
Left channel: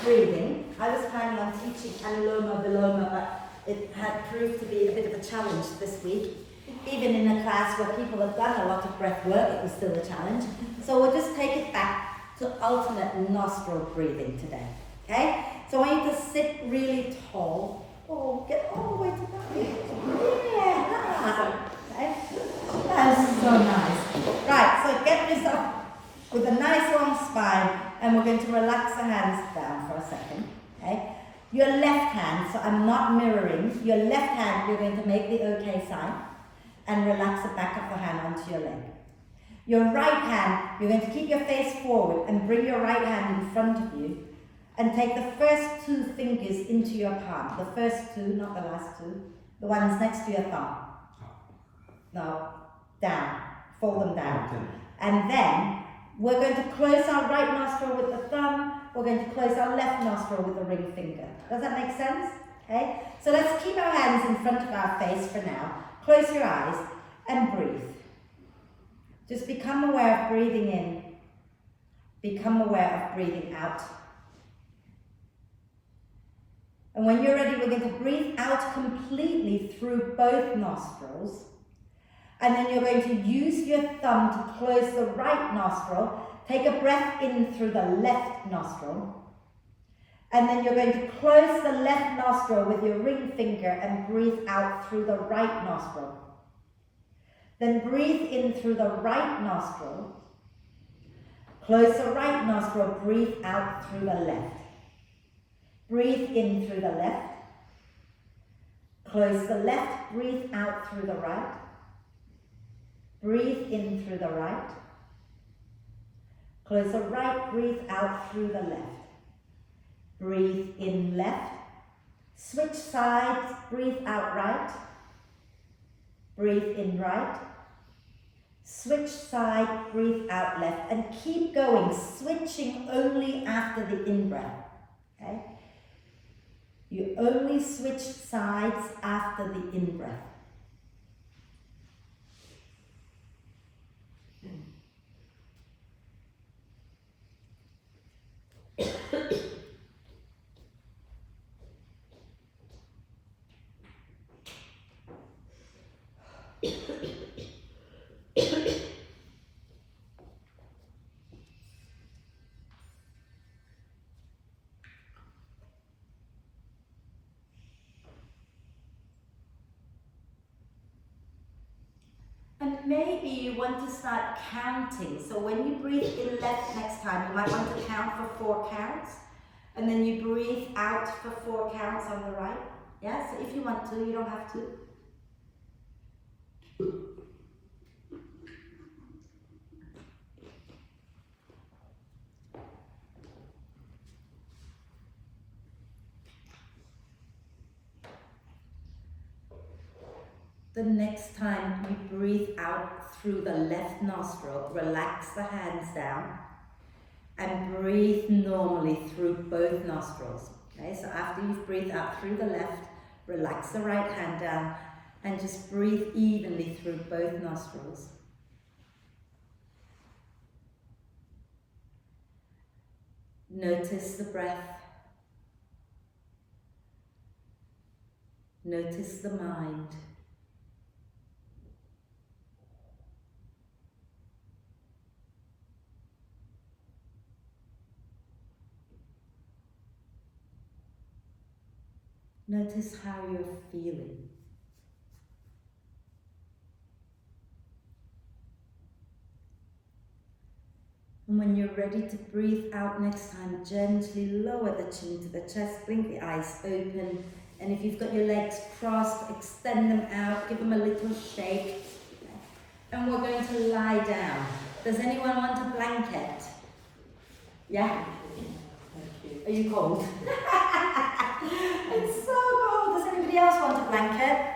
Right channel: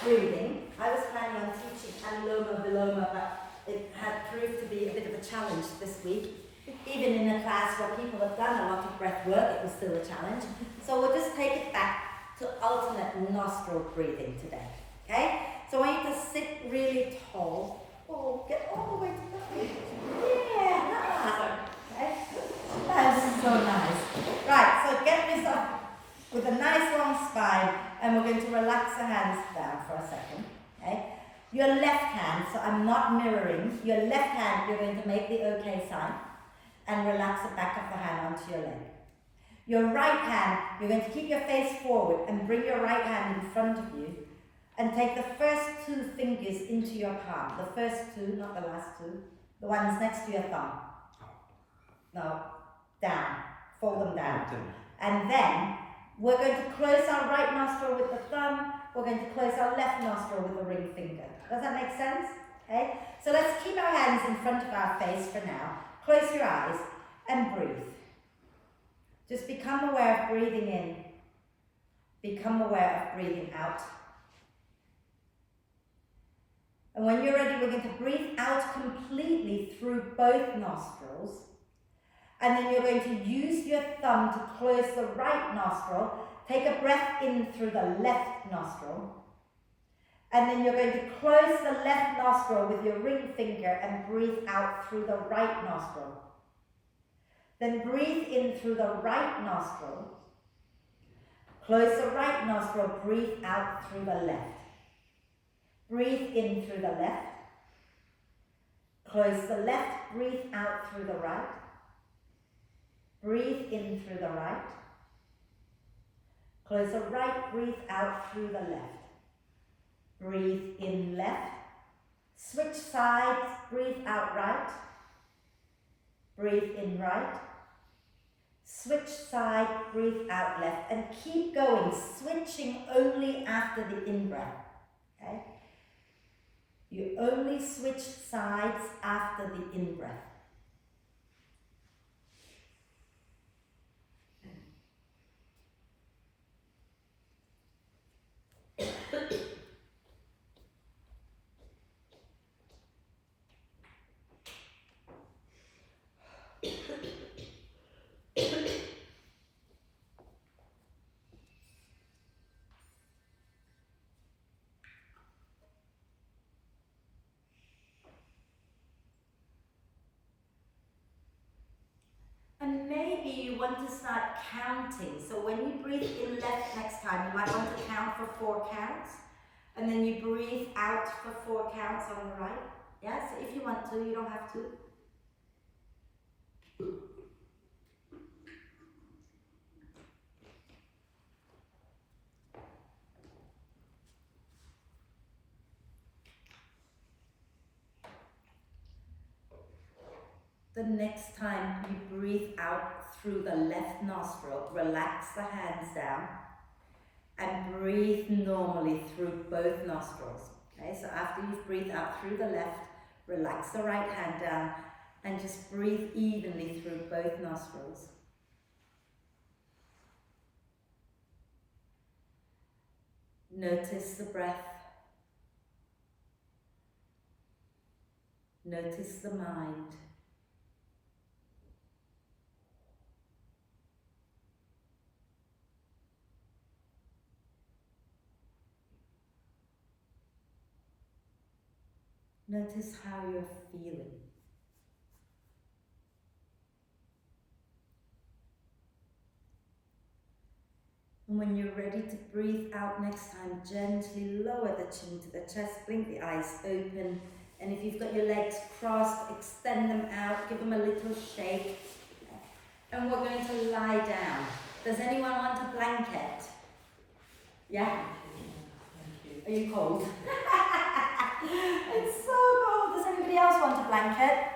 breathing. I was planning on teaching Anuloma Viloma, but it had proved to be a bit of a challenge this week. Even in a class where people have done a lot of breath work, it was still a challenge. So we'll just take it back to alternate nostril breathing today. Okay? So I want you to sit really tall. Oh, get all the way to the height. Yeah. Okay? That's so nice. Right, so get yourself with a nice long spine, and we're going to relax the hands down for a second. Okay? Your left hand, so I'm not mirroring, your left hand, you're going to make the OK sign and relax the back of the hand onto your leg. Your right hand, you're going to keep your face forward and bring your right hand in front of you and take the first two fingers into your palm. The first two, not the last two. The ones next to your thumb. No, down. Fold them down. Okay. And then we're going to close our right nostril with the thumb. We're going to close our left nostril with the ring finger. Does that make sense? Okay? So let's keep our hands in front of our face for now. Close your eyes and breathe. Just become aware of breathing in. Become aware of breathing out. And when you're ready, we're going to breathe out completely through both nostrils. And then you're going to use your thumb to close the right nostril. Take a breath in through the left nostril. And then you're going to close the left nostril with your ring finger and breathe out through the right nostril. Then breathe in through the right nostril. Close the right nostril, breathe out through the left. Breathe in through the left. Close the left, breathe out through the right. Breathe in through the right. Close the right, breathe out through the left. Breathe in left. Switch sides, breathe out right. Breathe in right. Switch side, breathe out left. And keep going, switching only after the in-breath. Okay? You only switch sides after the in-breath. And maybe you want to start counting. So when you breathe in left next time, you might want to count for 4 counts. And then you breathe out for 4 counts on the right. Yeah, so if you want to, you don't have to. The next time you breathe out through the left nostril, relax the hands down and breathe normally through both nostrils. Okay, so after you've breathed out through the left, relax the right hand down and just breathe evenly through both nostrils. Notice the breath. Notice the mind. Notice how you're feeling. And when you're ready to breathe out next time, gently lower the chin to the chest, blink the eyes open. And if you've got your legs crossed, extend them out, give them a little shake. And we're going to lie down. Does anyone want a blanket? Yeah? Are you cold? It's so cold. Does anybody else want a blanket?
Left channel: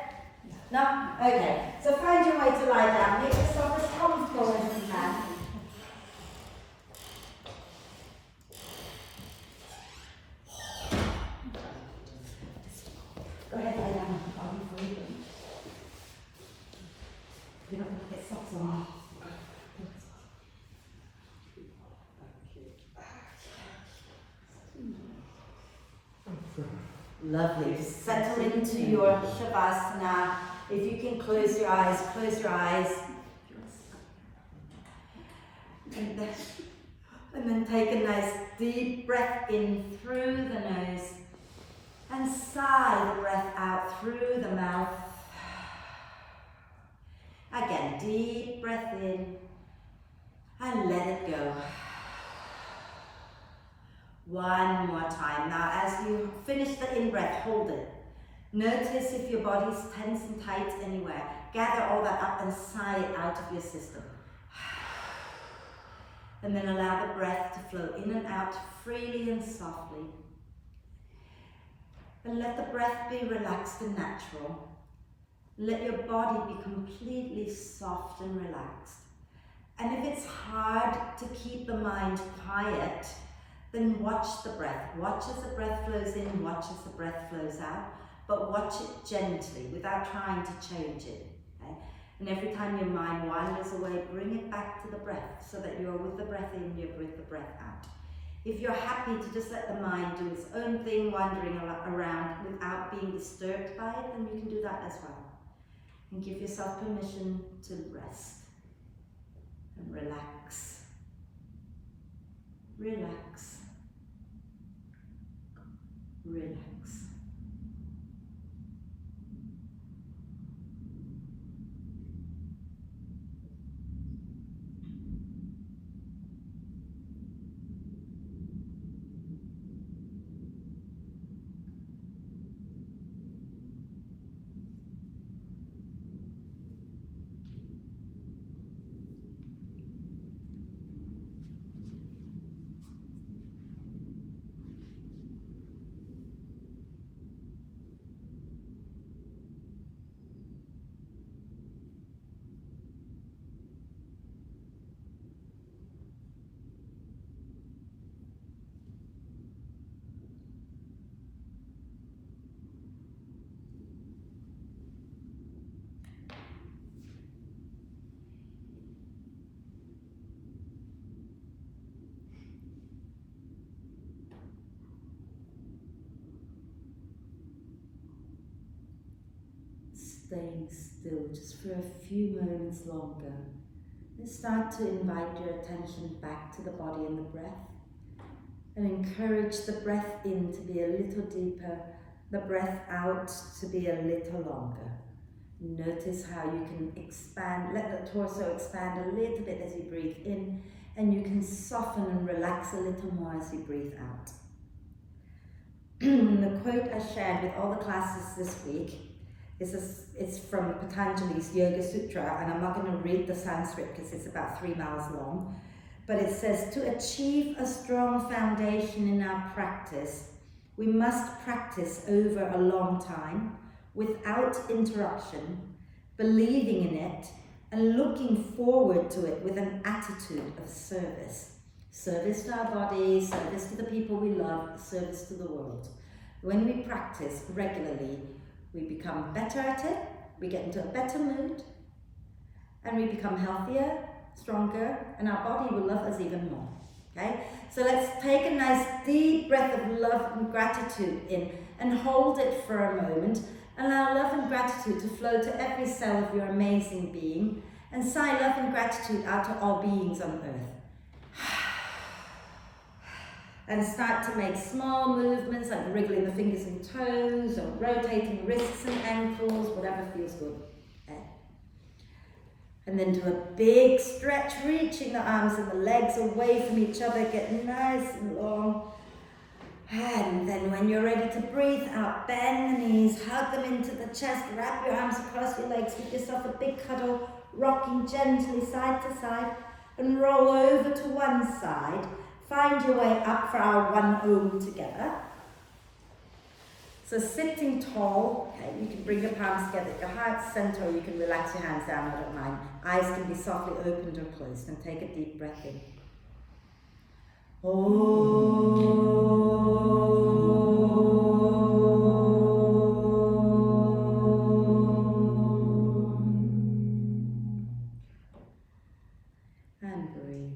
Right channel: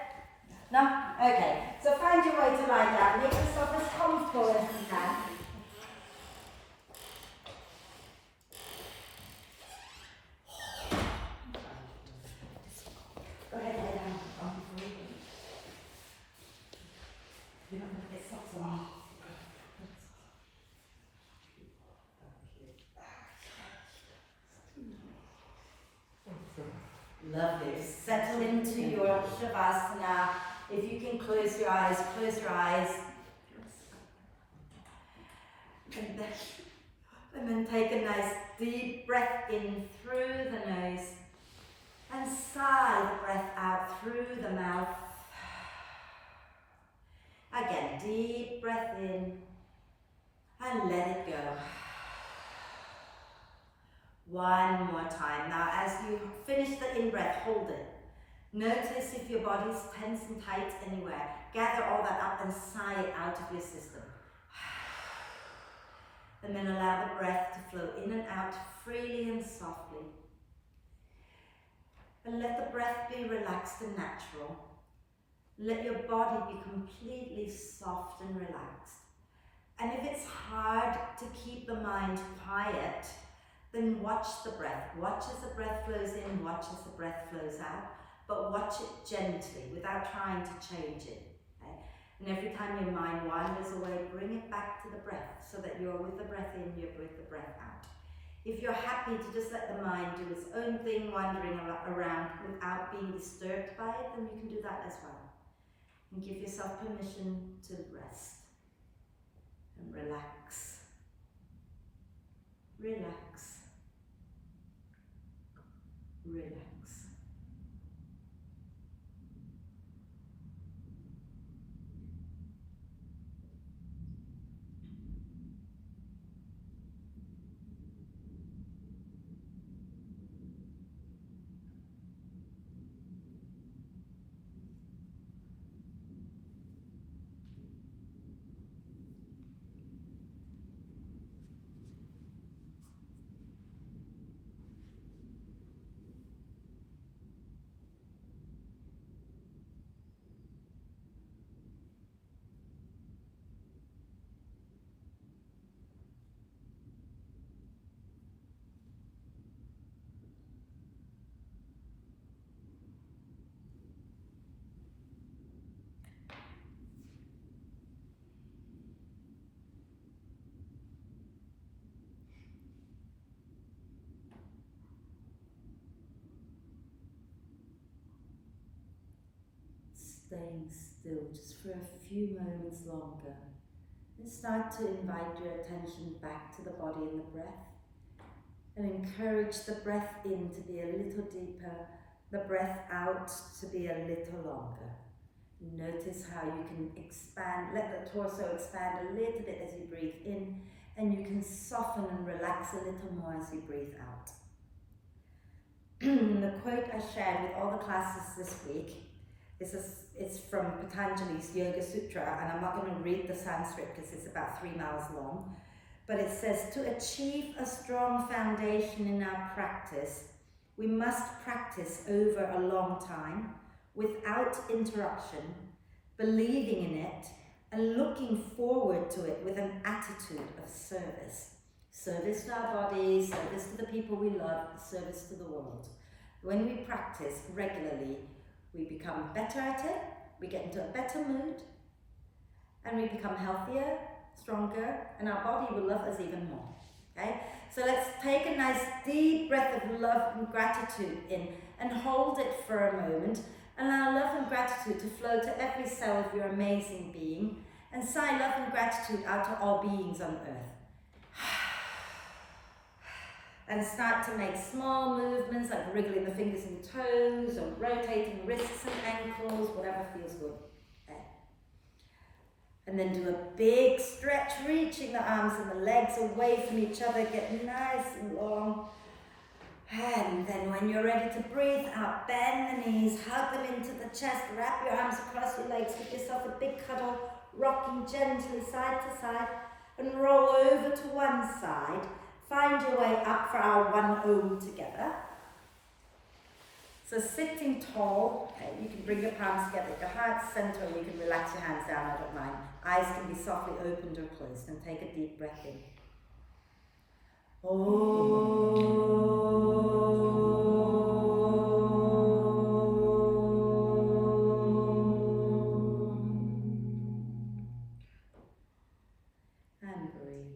No? Okay. So find your way to lie down. Make yourself as comfortable as you can. Go ahead, lie down. I'll be for you. You don't want to get socks on. Lovely. Just settle into your Shavasana. If you can close your eyes, close your eyes. And then take a nice deep breath in through the nose and sigh the breath out through the mouth. Again, deep breath in and let it go. One more time. Now, as you finish the in-breath, hold it. Notice if your body's tense and tight anywhere. Gather all that up and sigh it out of your system. And then allow the breath to flow in and out freely and softly. And let the breath be relaxed and natural. Let your body be completely soft and relaxed. And if it's hard to keep the mind quiet, then watch the breath. Watch as the breath flows in, watch as the breath flows out, but watch it gently without trying to change it. Okay? And every time your mind wanders away, bring it back to the breath so that you're with the breath in, you're with the breath out. If you're happy to just let the mind do its own thing, wandering around without being disturbed by it, then you can do that as well. And give yourself permission to rest and relax. Relax. Relax. Staying still just for a few moments longer. And start to invite your attention back to the body and the breath. And encourage the breath in to be a little deeper, the breath out to be a little longer. Notice how you can expand, let the torso expand a little bit as you breathe in, and you can soften and relax a little more as you breathe out. The quote I shared with all the classes this week it's from Patanjali's Yoga Sutra, and I'm not going to read the Sanskrit because it's about 3 miles long, but it says, to achieve a strong foundation in our practice, we must practice over a long time, without interruption, believing in it, and looking forward to it with an attitude of service. Service to our bodies, service to the people we love, service to the world. When we practice regularly, we become better at it, we get into a better mood, and we become healthier, stronger, and our body will love us even more. Okay? So let's take a nice deep breath of love and gratitude in and hold it for a moment. Allow love and gratitude to flow to every cell of your amazing being, and sigh love and gratitude out to all beings on earth. And start to make small movements like wriggling the fingers and toes or rotating wrists and ankles, whatever feels good. Okay. And then do a big stretch, reaching the arms and the legs away from each other, get nice and long. And then when you're ready to breathe out, bend the knees, hug them into the chest, wrap your arms across your legs, give yourself a big cuddle, rocking gently side to side. and roll over to one side. Find your way up for our one Om together. So sitting tall, okay, you can bring your palms together at your heart center, or you can relax your hands down, I don't mind. Eyes can be softly opened or closed, and take a deep breath in. And breathe.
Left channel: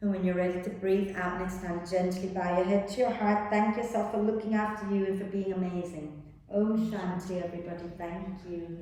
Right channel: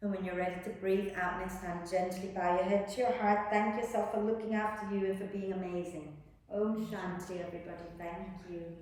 And when you're ready to breathe out next time, gently bow your head to your heart. Thank yourself for looking after you and for being amazing. Om Shanti, everybody. Thank you.